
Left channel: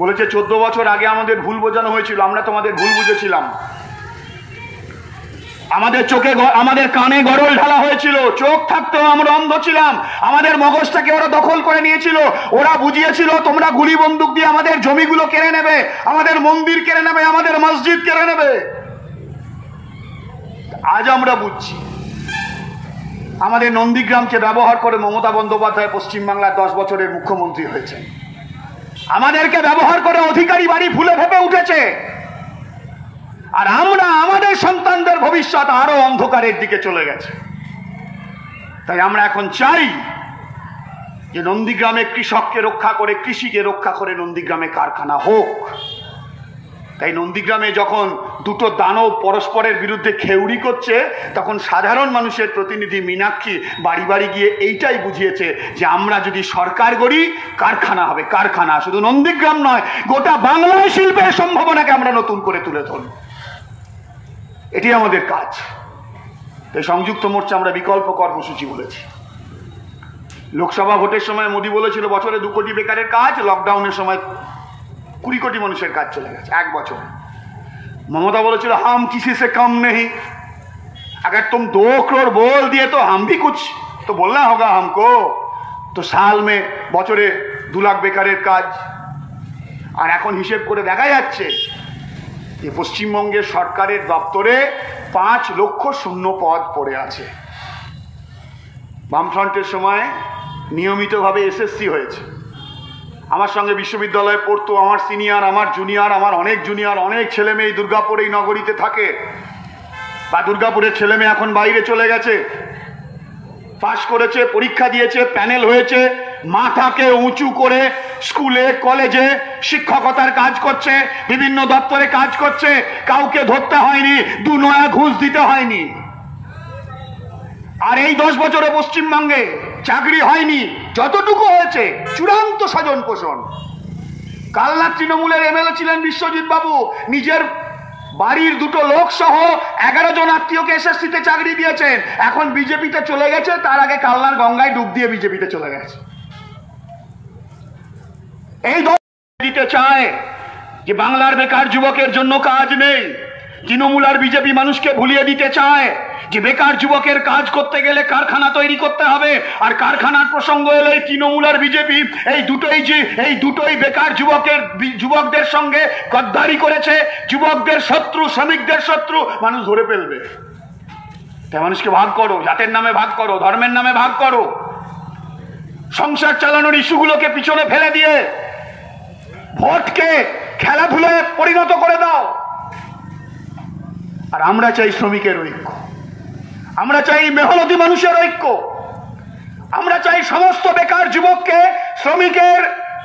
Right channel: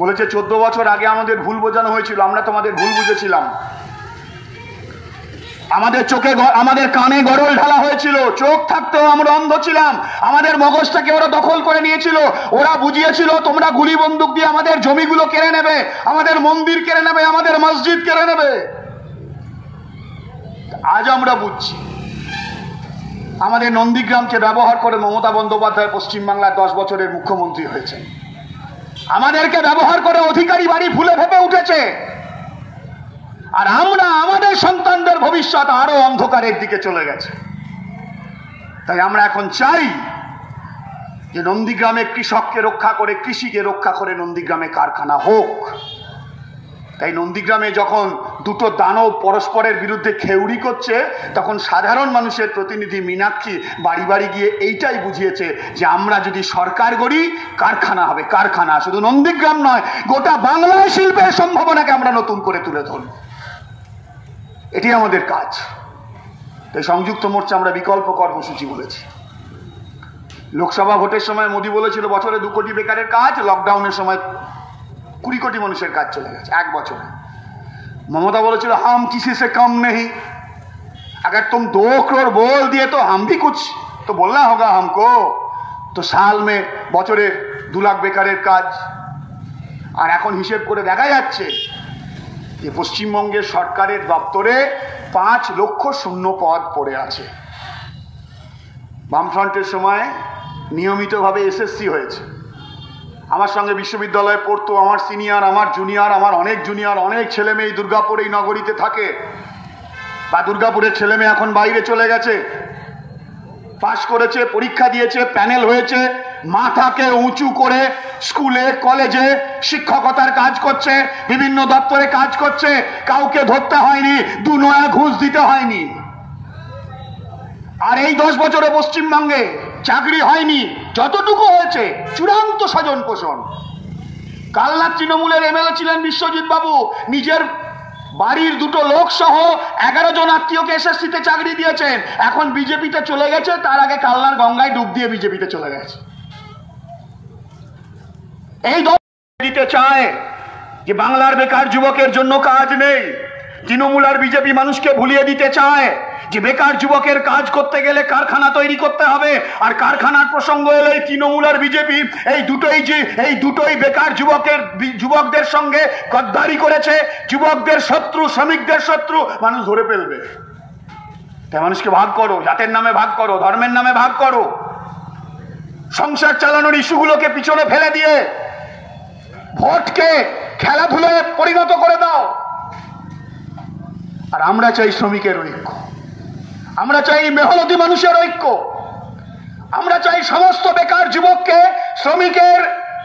বলেছে 14 বছর আগে আমাদের ভুল বোঝানো হয়েছিল, আমরা তোমাদের ভুল বুঝেছিলাম, আমাদের চোখে আমাদের কানে গরল ঢালা হয়েছিল, চোখ থাকতেও আমরা অন্ধ ছিলাম, আমাদের মগজটাকে ওরা দখল করে নিয়েছিল, ওরা বুঝিয়েছিল তোমরা গুলি বন্দুক দিয়ে আমাদের জমিগুলো কেড়ে নেবে, আমাদের মন্দির কেড়ে নেবে, আমাদের মসজিদ কেড়ে নেবে। আজ আমরা বুঝছি আমাদের নন্দীগ্রামকে ব্যবহার করে মমতা বন্দ্যোপাধ্যায় পশ্চিমবাংলার 10 বছরের মুখ্যমন্ত্রী হয়েছে, আমাদেরকে ব্যবহার করে অধিকারী বাড়ি ফুলে ফেপে উঠেছে, আর আমরা আমাদের সন্তানদের ভবিষ্যৎ আরো অন্ধকারের দিকে চলে গেছে। তাই আমরা এখন চাই যে নন্দীগ্রামে কৃষককে রক্ষা করে, কৃষিকে রক্ষা করে নন্দীগ্রামে কারখানা হোক। তাই নন্দীগ্রামে যখন দুটো দানব পরস্পরের বিরুদ্ধে খেউড়ি করছে, তখন সাধারণ মানুষের প্রতিনিধি মীনাক্ষী বাড়ি বাড়ি গিয়ে এইটাই বুঝিয়েছে যে আমরা যদি সরকার গড়ি, কারখানা হবে, কারখানা শুধু নন্দীগ্রাম নয়, গোটা বাংলায় শিল্পের সম্ভাবনাকে আমরা নতুন করে তুলে ধরব, এটি আমাদের কাজ। তাই সংযুক্ত মোর্চা আমরা বিকল্প কর্মসূচি বলেছি। লোকসভা ভোটের সময় মোদী বলেছিল বছরে 2 কোটি বেকারের কাজ, লকডাউনের সময় 20 কোটি মানুষের কাজ চলে গেছে 1 বছরে। ममता বলেছিল हम किसी से कम नहीं, अगर तुम 2 करोड़ बोल दिए तो हम भी कुछ तो बोलना होगा हमको। तो साल में বছরে 2 লাখ বেকারের কাজ। আর এখন হিসেব করে দেখা যাচ্ছে যে পশ্চিমবঙ্গের সরকারের দপ্তরে 5 লক্ষ শূন্য পদ পড়ে আছে। বামফ্রন্টের সময় নিয়মিতভাবে এসএসসি হয়েছে, আমার সঙ্গে বিশ্ববিদ্যালয়ে পড়তো আমার সিনিয়র, আমার জুনিয়র, আমার অনেক জুনিয়র, অনেক ছেলে মেয়ে দুর্গাপুর এই নগরীতে থাকে, বা দুর্গাপুরের ছেলে মেয়ে এখন বাইরে চলে গেছে, পাশ করেছে, পরীক্ষা দিয়েছে, প্যানেল হয়েছে, মাথাকে উঁচু করে স্কুলে কলেজে শিক্ষকতার কাজ করছে, বিভিন্ন দপ্তরে কাজ করছে, কাউকে ধরতে হয়নি, 2 নয়া ঘুষ দিতে হয়নি। আর এই 10 বছরে পশ্চিমবঙ্গে চাকরি হয়নি, যতটুকু হয়েছে চূড়ান্ত স্বজন পোষণ। কালনার তৃণমূলের এমএলএ ছিলেন বিশ্বজিৎ বাবু, নিজের বাড়ির 2টো লোক সহ 11 জন আত্মীয়কে এসএসসিতে চাকরি দিয়েছেন, এখন বিজেপিতে চলে গেছে, তার আগে কালনার গঙ্গায় ডুব দিয়ে বিজেপিতে চলে গেছে। এই দিতে চায় যে বাংলার বেকার যুবকের জন্য কাজ নেই, তৃণমূল আর বিজেপি মানুষকে ভুলিয়ে দিতে চায় যে বেকার যুবকের কাজ করতে গেলে কারখানা তৈরি করতে হবে, আর কারখানার প্রসঙ্গ এলে তৃণমূল আর বিজেপি এই দুটোই বেকার যুবকদের সঙ্গে গদ্দারি করেছে, যুবকদের শত্রু, শ্রমিকদের শত্রু, মানুষ ধরে ফেলবে। তাই মানুষকে ভাগ করো, জাতের নামে ভাগ করো, ধর্মের নামে ভাগ করো, সংসার চালানোর ইস্যুগুলোকে পিছনে ফেলে দিয়ে ভোটকে খেলাধুলায় পরিণত করে দাও। আর আমরা চাই শ্রমিকের ঐক্য, আমরা চাই মেহনতি মানুষের ঐক্য, আমরা চাই সমস্ত বেকার যুবককে শ্রমিকের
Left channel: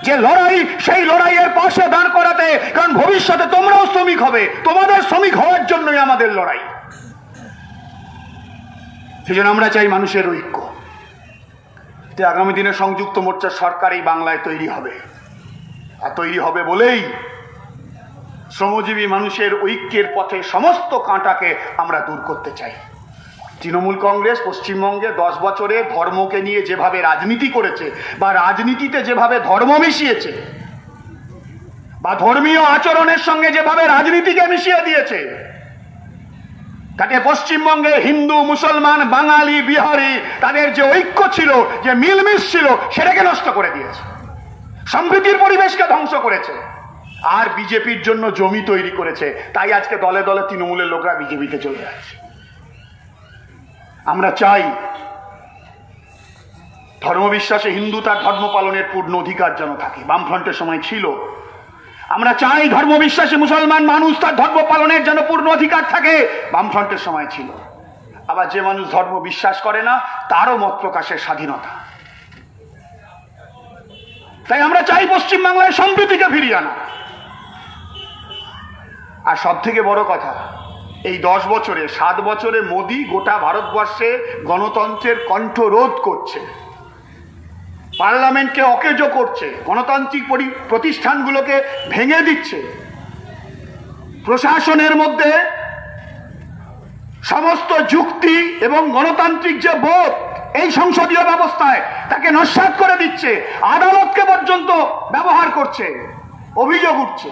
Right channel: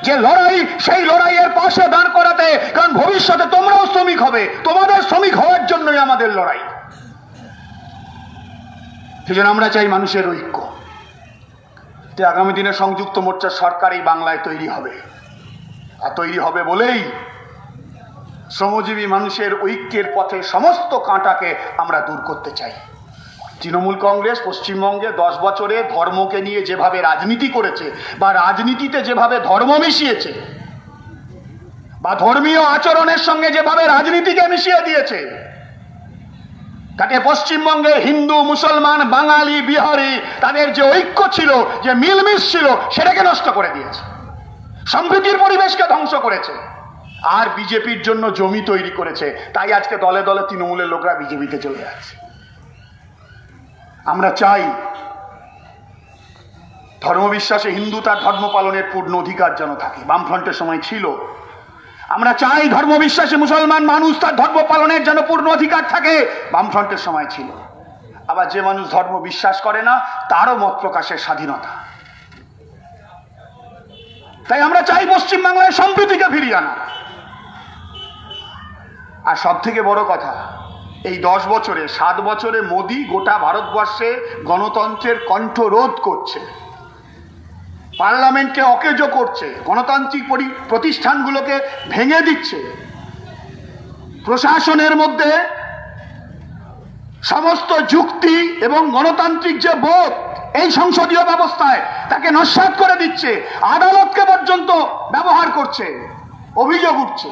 যে লড়াই, সেই লড়াইয়ের পাশে দাঁড় করাতে, কারণ ভবিষ্যতে তোমরাও শ্রমিক হবে, তোমাদের শ্রমিক হওয়ার জন্যই আমাদের লড়াই। সেজন্য আমরা চাই মানুষের ঐক্য। আগামী দিনে সংযুক্ত মোর্চার সরকার এই বাংলায় তৈরি হবে, আর তৈরি হবে বলেই শ্রমজীবী মানুষের ঐক্যের পথে সমস্ত কাঁটাকে আমরা দূর করতে চাই। তৃণমূল কংগ্রেস পশ্চিমবঙ্গে 10 বছরে ধর্মকে নিয়ে যেভাবে রাজনীতি করেছে, বা রাজনীতিতে যেভাবে ধর্ম মিশিয়েছে, বা ধর্মীয় আচরণের সঙ্গে যেভাবে রাজনীতিকে মিশিয়ে দিয়েছে, তাতে পশ্চিমবঙ্গের হিন্দু, মুসলমান, বাঙালি, বিহারি তাদের যে ঐক্য ছিল, যে মিলমিশ ছিল, সেটাকে নষ্ট করে দিয়েছে, সম্প্রীতির পরিবেশকে ধ্বংস করেছে, আর বিজেপির জন্য জমি তৈরি করেছে। তাই আজকে দলে দলে তৃণমূলের লোকরা বিজেপিতে চলে যাচ্ছে। আমরা চাই ধর্মবিশ্বাসে হিন্দু তার ধর্ম পালনের পূর্ণ অধিকার যেন থাকে, বামফ্রন্টের সময় ছিল। আমরা চাই ধর্মবিশ্বাসী মুসলমান মানুষ তার ধর্ম পালনের যেন পূর্ণ অধিকার থাকে, বামফ্রন্টের সময় ছিল। আবার যে মানুষ ধর্ম বিশ্বাস করে না, তারও মত প্রকাশের স্বাধীনতা। তাই আমরা চাই পশ্চিমবাংলায় সম্প্রীতিকে ফিরিয়ে আনা। আর সব থেকে বড় কথা, এই 10 বছরে 7 বছরে মোদী গোটা ভারতবর্ষে গণতন্ত্রের কণ্ঠরোধ করছে, পার্লামেন্টকে অকেজো করছে, গণতান্ত্রিক প্রতিষ্ঠানগুলোকে ভেঙে দিচ্ছে, প্রশাসনের মধ্যে সমস্ত যুক্তি এবং গণতান্ত্রিক যে বোধ এই সংসদীয় ব্যবস্থায় তাকে নস্যাৎ করে দিচ্ছে, আদালতকে পর্যন্ত ব্যবহার করছে, অভিযোগ উঠছে।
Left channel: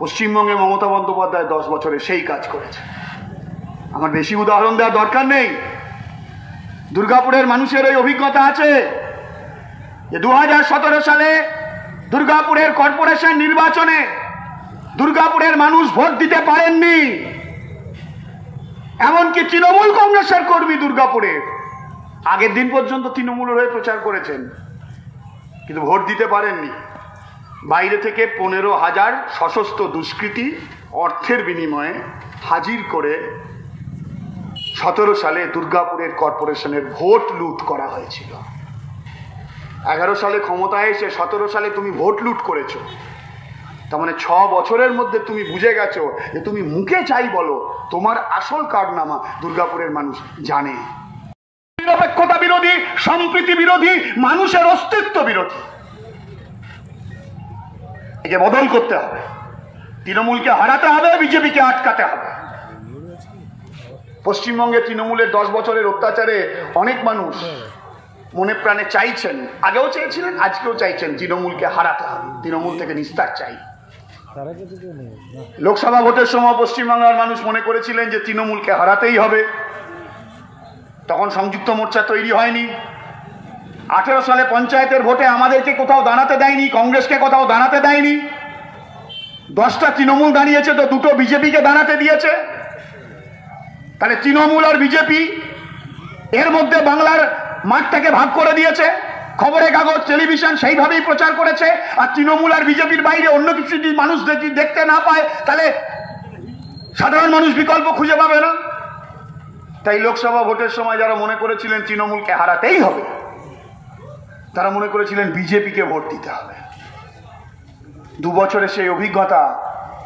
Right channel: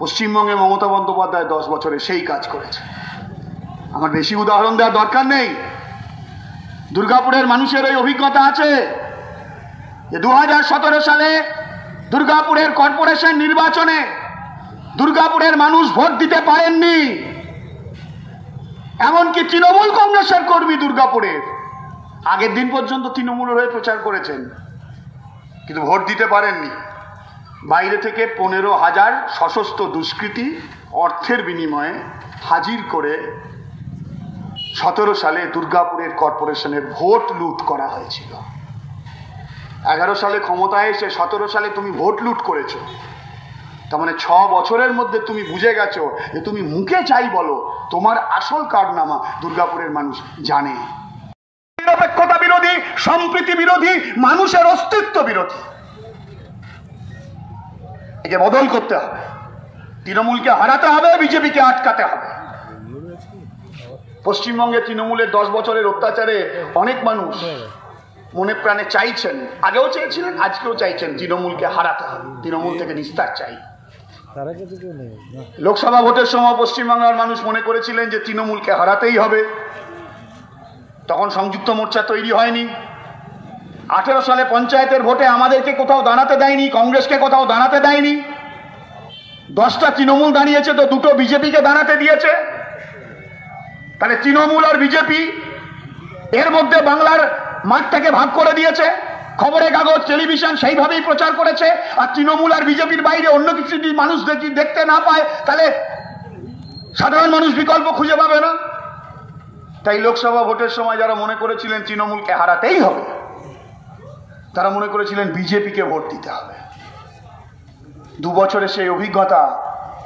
পশ্চিমবঙ্গে মমতা বন্দ্যোপাধ্যায় 10 বছরে সেই কাজ করেছে। আমার বেশি উদাহরণ দেওয়ার দরকার নেই। দুর্গাপুরের মানুষের ওই অভিজ্ঞতা আছে যে 2017 সালে দুর্গাপুরের কর্পোরেশন নির্বাচনে দুর্গাপুরের মানুষ ভোট দিতে পারেননি। এমনকি তৃণমূল কংগ্রেসের কর্মী দুর্গাপুরের আগের দিন পর্যন্ত তৃণমূলের হয়ে প্রচার করেছেন, কিন্তু ভোট দিতে পারেননি। বাইরে থেকে 15,000 সশস্ত্র দুষ্কৃতী অর্থের বিনিময়ে হাজির করে 17 সালে দুর্গাপুরের কর্পোরেশনের ভোট লুট করা হয়েছিল। 11 সালে ক্ষমতায় এসে 17 সালে তুমি ভোট লুট করেছো, তার মানে 6 বছরের মধ্যে তুমি বুঝে গেছো যে তুমি মুখে চাই বলো, তোমার আসল কারনামা দুর্গাপুরের মানুষ জানে। নিরপেক্ষতা বিরোধী, সম্প্রীতি বিরোধী, মানুষের অস্তিত্ব বিরোধী। একে বদল করতে হবে। তৃণমূলকে হারাতে হবে, বিজেপিকে আটকাতে হবে। পশ্চিমবঙ্গে তৃণমূলের 10 বছরের অত্যাচারে অনেক মানুষ মনে প্রাণে চাইছেন, আগেও চেয়েছিলেন, আজকেও চাইছেন তৃণমূলকে হারাতে হবে, তৃণমূল থেকে নিস্তার চাই। লোকসভা ভোটের সময় পশ্চিমবাংলার মানুষ মনে করেছিলেন যে তৃণমূলকে হারাতেই হবে। তখন সংযুক্ত মোর্চা তৈরি হয়নি। 18 সালে পঞ্চায়েতের ভোটে আমাদেরকে কোথাও দাঁড়াতে দেয়নি, কংগ্রেসকে কোথাও দাঁড়াতে দেয়নি। 10টা তৃণমূল দাঁড়িয়েছে, তো 2টো বিজেপিকে দাঁড়াতে দিয়েছে। তাহলে তৃণমূল আর বিজেপি এর মধ্যে বাংলার মাঠটাকে ভাগ করে দিয়েছে। খবরের কাগজ, টেলিভিশন সেইভাবেই প্রচার করেছে। আর তৃণমূল আর বিজেপির বাইরে অন্য কিছু যদি মানুষ দেখতে না পায়, তাহলে সাধারণ মানুষ বিকল্প খুঁজে পাবে না। তাই লোকসভা ভোটের সময় যারা মনে করেছিলেন তৃণমূলকে হারাতেই হবে, তারা মনে করেছিলেন বিজেপিকে ভোট দিতে হবে। 2 বছরে সেই অভিজ্ঞতা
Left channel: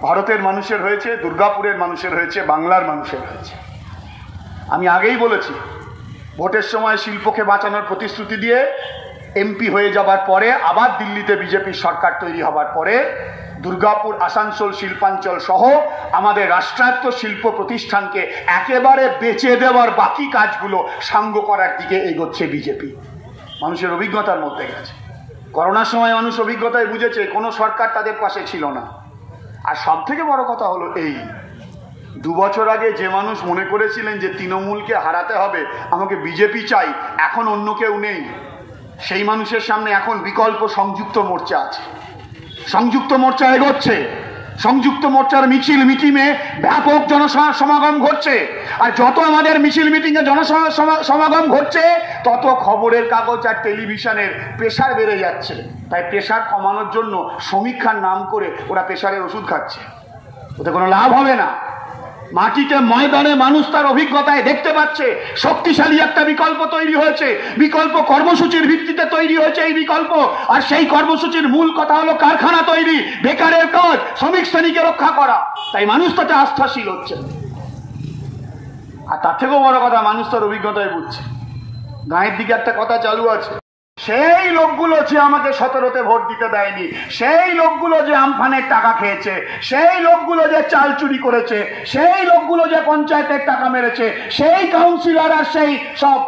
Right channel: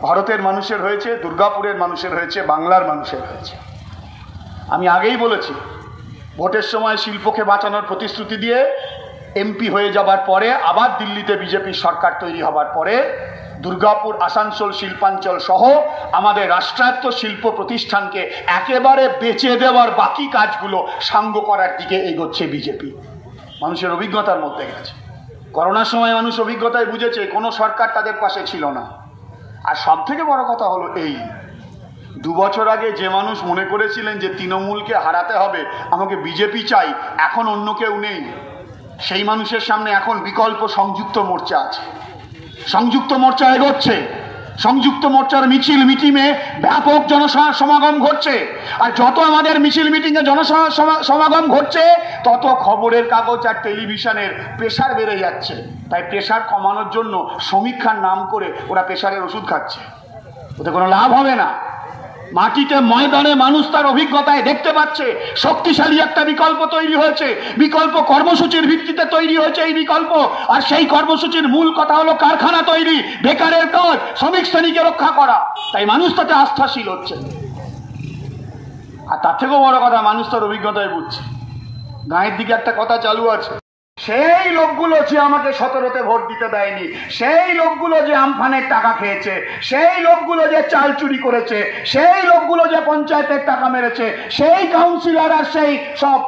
ভারতের মানুষের হয়েছে, দুর্গাপুরের মানুষের হয়েছে, বাংলার মানুষের হয়েছে। আমি আগেই বলেছি, ভোটের সময় শিল্পকে বাঁচানোর প্রতিশ্রুতি দিয়ে এমপি হয়ে যাবার পরে, আবার দিল্লিতে বিজেপির সরকার তৈরি হবার পরে দুর্গাপুর, আসানসোল শিল্পাঞ্চল সহ আমাদের রাষ্ট্রায়ত্ত শিল্প প্রতিষ্ঠানকে একেবারে বেচে দেওয়ার বাকি কাজগুলো সাঙ্গ করার দিকে এগোচ্ছে বিজেপি। মানুষের অভিজ্ঞতার মধ্যে গেছে। করোনার সময় মানুষ অভিজ্ঞতায় বুঝেছে কোনো সরকার তাদের পাশে ছিল না। আর সব থেকে বড় কথা হলো এই, 2 বছর আগে যে মানুষ মনে করেছিলেন যে তৃণমূলকে হারাতে হবে, আমাকে বিজেপি চাই, এখন অন্য কেউ নেই, সেই মানুষের সামনে এখন বিকল্প সংযুক্ত মোর্চা আছে। সংযুক্ত মোর্চা এগোচ্ছে, সংযুক্ত মোর্চার মিছিল মিটিংয়ে ব্যাপক জনসমাগম ঘটছে। আর যত আমাদের মিছিল মিটিংয়ে জনসমাগম ঘটছে, তত খবরের কাগজ আর টেলিভিশনের প্রেশার বেড়ে যাচ্ছে। তাই প্রেশার কমানোর জন্য সমীক্ষার নাম করে ওরা প্রেশারের ওষুধ খাচ্ছে, ওতে কোনো লাভ হবে না। মাটিতে ময়দানে মানুষ তার অভিজ্ঞতায় দেখতে পাচ্ছে শক্তিশালী একটা বিকল্প তৈরি হয়েছে। বিকল্প কর্মসূচির ভিত্তিতে তৈরি হয়েছে এই বিকল্প। আর সেই কর্মসূচির মূল কথা হলো কারখানা তৈরি, বেকারের কাজ, শ্রমিক শ্রেণীকে রক্ষা করা। তাই মানুষ তাতে আস্থাশীল হচ্ছে। আর তার থেকেও বড় কথা, মানুষ তার অভিজ্ঞতায় বুঝছে। গাঁয়ের দিকে একটা কথা চালু আছে, সেই লোকগুলো যে আমাকে 17তে ভোট দিতে দেয়নি, সেই লোকগুলো যে আমফানের টাকা খেয়েছে, সেই লোকগুলো যে চাল চুরি করেছে, সেই লোকগুলো যে পঞ্চায়েতের টাকা মেরেছে, সেই কাউন্সিলর আর সেই সব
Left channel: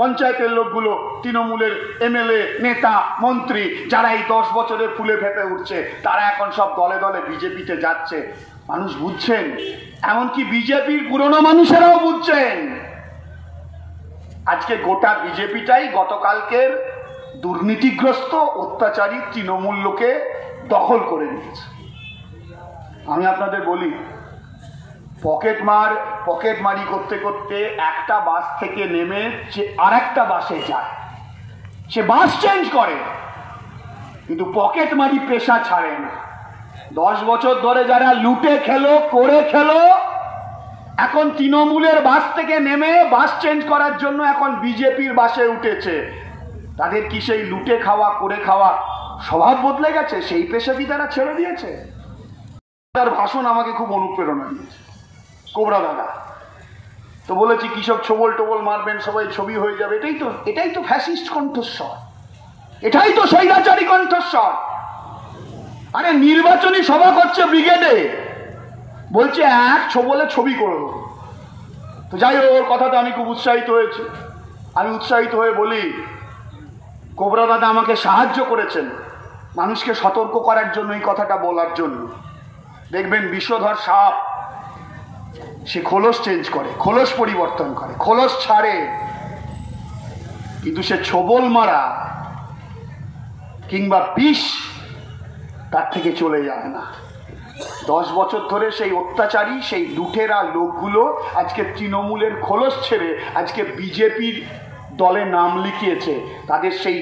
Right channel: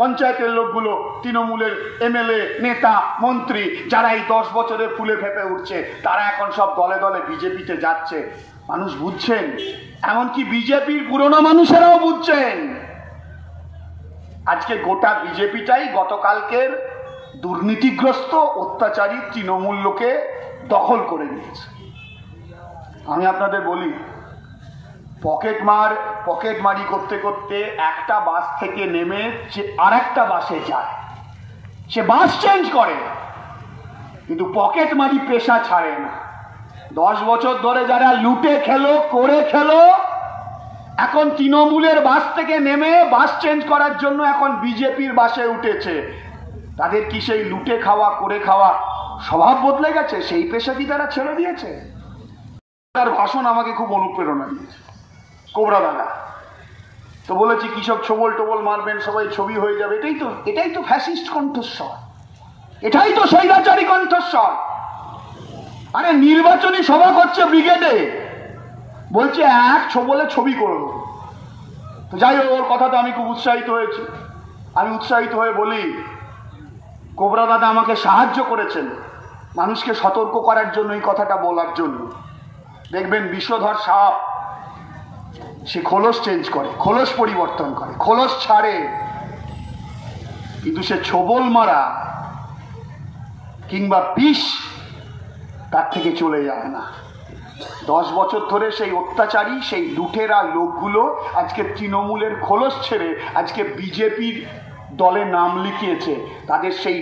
পঞ্চায়েতের লোকগুলো তৃণমূলের এমএলএ, নেতা, মন্ত্রী, যারা এই 10 বছরে ফুলে ফেপে উঠছে, তারা এখন সব দলে দলে বিজেপিতে যাচ্ছে। মানুষ বুঝছেন, এমনকি বিজেপির পুরনো মানুষেরাও বুঝছেন। আজকে গোটা বিজেপিটাই গতকালকের দুর্নীতিগ্রস্ত অত্যাচারী তৃণমূল লোকে দখল করে নিয়েছে। আমি আপনাদের বলি, পকেটমারি করতে করতে একটা বাস থেকে নেমে সে আরেকটা বাসে যায়, সে বাস চেঞ্জ করে, কিন্তু পকেটমারি পেশা ছাড়ে না। 10 বছর ধরে যারা লুটে খেলো, করে খেলো, এখন তৃণমূলের বাস থেকে নেমে বাস চেঞ্জ করার জন্য এখন বিজেপির বাসে উঠেছে। তাদের কি সেই লুটে খাওয়া, করে খাওয়া স্বভাব বদলে গেছে? সেই পেশা কি তারা ছেড়ে দিয়েছে? তার ভাষণ আমাকে খুব অনুপ্রেরণা দিয়েছে। কোবরা দাদা তো বলেছি, কৃষক ছোবল টোবল মারবেন, সবাই ছবি হয়ে যাবে। এটাই তো ফ্যাসিস্ট কণ্ঠস্বর, এটাই তো স্বৈরাচারী কণ্ঠস্বর। আরে নির্বাচনী সভা করছে ব্রিগেডে, বলছে এক ছবলে ছবি করবো। তো যাই হোক, ওর কথাতে আমি খুব উৎসাহিত হয়েছি। আমি উৎসাহিত হয়ে বলি, কোবরা দাদা আমাকে সাহায্য করেছেন মানুষকে সতর্ক করার জন্য, এই কথাটা বলার জন্য। দেখবেন বিষধর সাপ সে খোলস চেঞ্জ করে, খোলস পরিবর্তন করে, খোলস ছাড়ে, কিন্তু সে ছোবল মারা কিংবা বিষ তার থেকে চলে যায় না। 10 বছর ধরে সেই অত্যাচারী, সেই লুটেরা লোকগুলো আজকে তৃণমূলের খোলস ছেড়ে আজকে বিজেপির দলে নাম লিখিয়েছে। তাদের সেই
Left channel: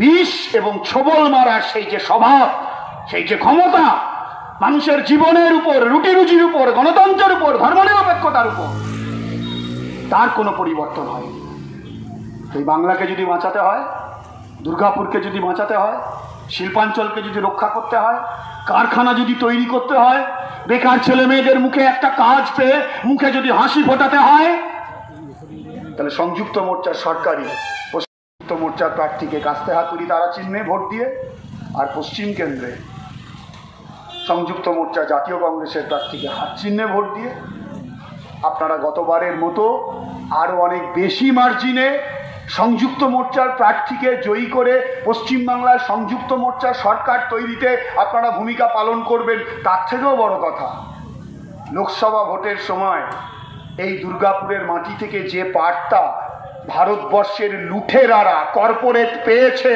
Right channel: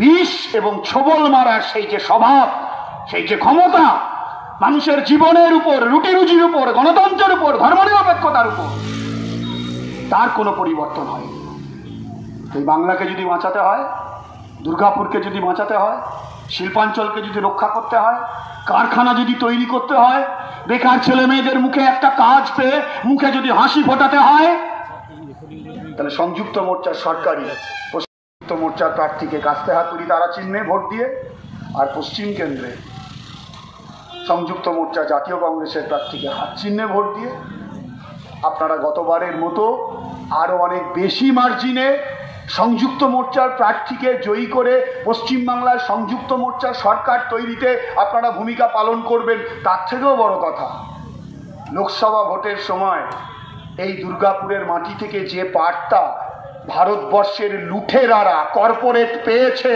বিষ এবং ছোবল মারার সেই যে স্বভাব, সেই যে ক্ষমতা, মানুষের জীবনের উপর, রুটি রুজির উপর, গণতন্ত্রের উপর, ধর্মনিরপেক্ষতার উপর, তার কোনো পরিবর্তন হয়নি। এই বাংলাকে যদি বাঁচাতে হয়, দুর্গাপুরকে যদি বাঁচাতে হয়, শিল্পাঞ্চলকে যদি রক্ষা করতে হয়, কারখানা যদি তৈরি করতে হয়, বেকার ছেলে মেয়েদের মুখে একটা কাজ পেয়ে মুখে যদি হাসি ফোটাতে হয়, তাহলে সংযুক্ত মোর্চার সরকারি সংযুক্ত মোর্চার প্রার্থীকে কাস্তে হাতুড়ি তারা চিহ্নে ভোট দিয়ে, আর পশ্চিম কেন্দ্রে সংযুক্ত মোর্চা জাতীয় কংগ্রেসের প্রার্থীকে হাত চিহ্নে ভোট দিয়ে আপনারা গতবারের মতো আরো অনেক বেশি মার্জিনে সংযুক্ত মোর্চার প্রার্থীকে জয়ী করে পশ্চিমবাংলার সংযুক্ত মোর্চার সরকার তৈরিতে আপনারা ভূমিকা পালন করবেন। তার থেকেও বড় কথা, লোকসভা ভোটের সময় এই দুর্গাপুরের মাটি থেকে যে বার্তা ভারতবর্ষের লুঠেরারা কর্পোরেট পেয়েছে,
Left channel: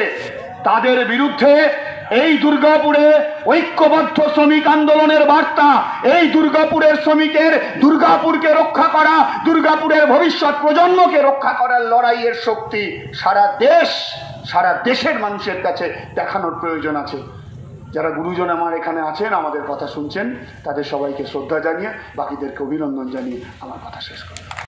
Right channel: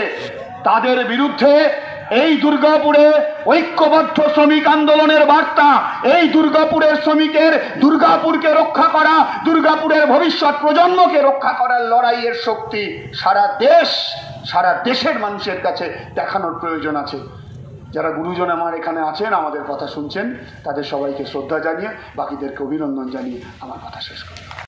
তাদের বিরুদ্ধে এই দুর্গাপুরে ঐক্যবদ্ধ শ্রমিক আন্দোলনের বার্তা, এই দুর্গাপুরের শ্রমিকের দুর্গাপুরকে রক্ষা করা, দুর্গাপুরের ভবিষ্যৎ প্রজন্মকে রক্ষা করার লড়াইয়ের শক্তি সারা দেশের মানুষের কাছে দেখানোর প্রয়োজন আছে। যারা গুরুজন আমার এখানে আছেন, আমাদের কথা শুনছেন, তাদের সবাইকে শ্রদ্ধা জানিয়ে, বাকিদেরকে অভিনন্দন জানিয়ে আমার কথা শেষ করি।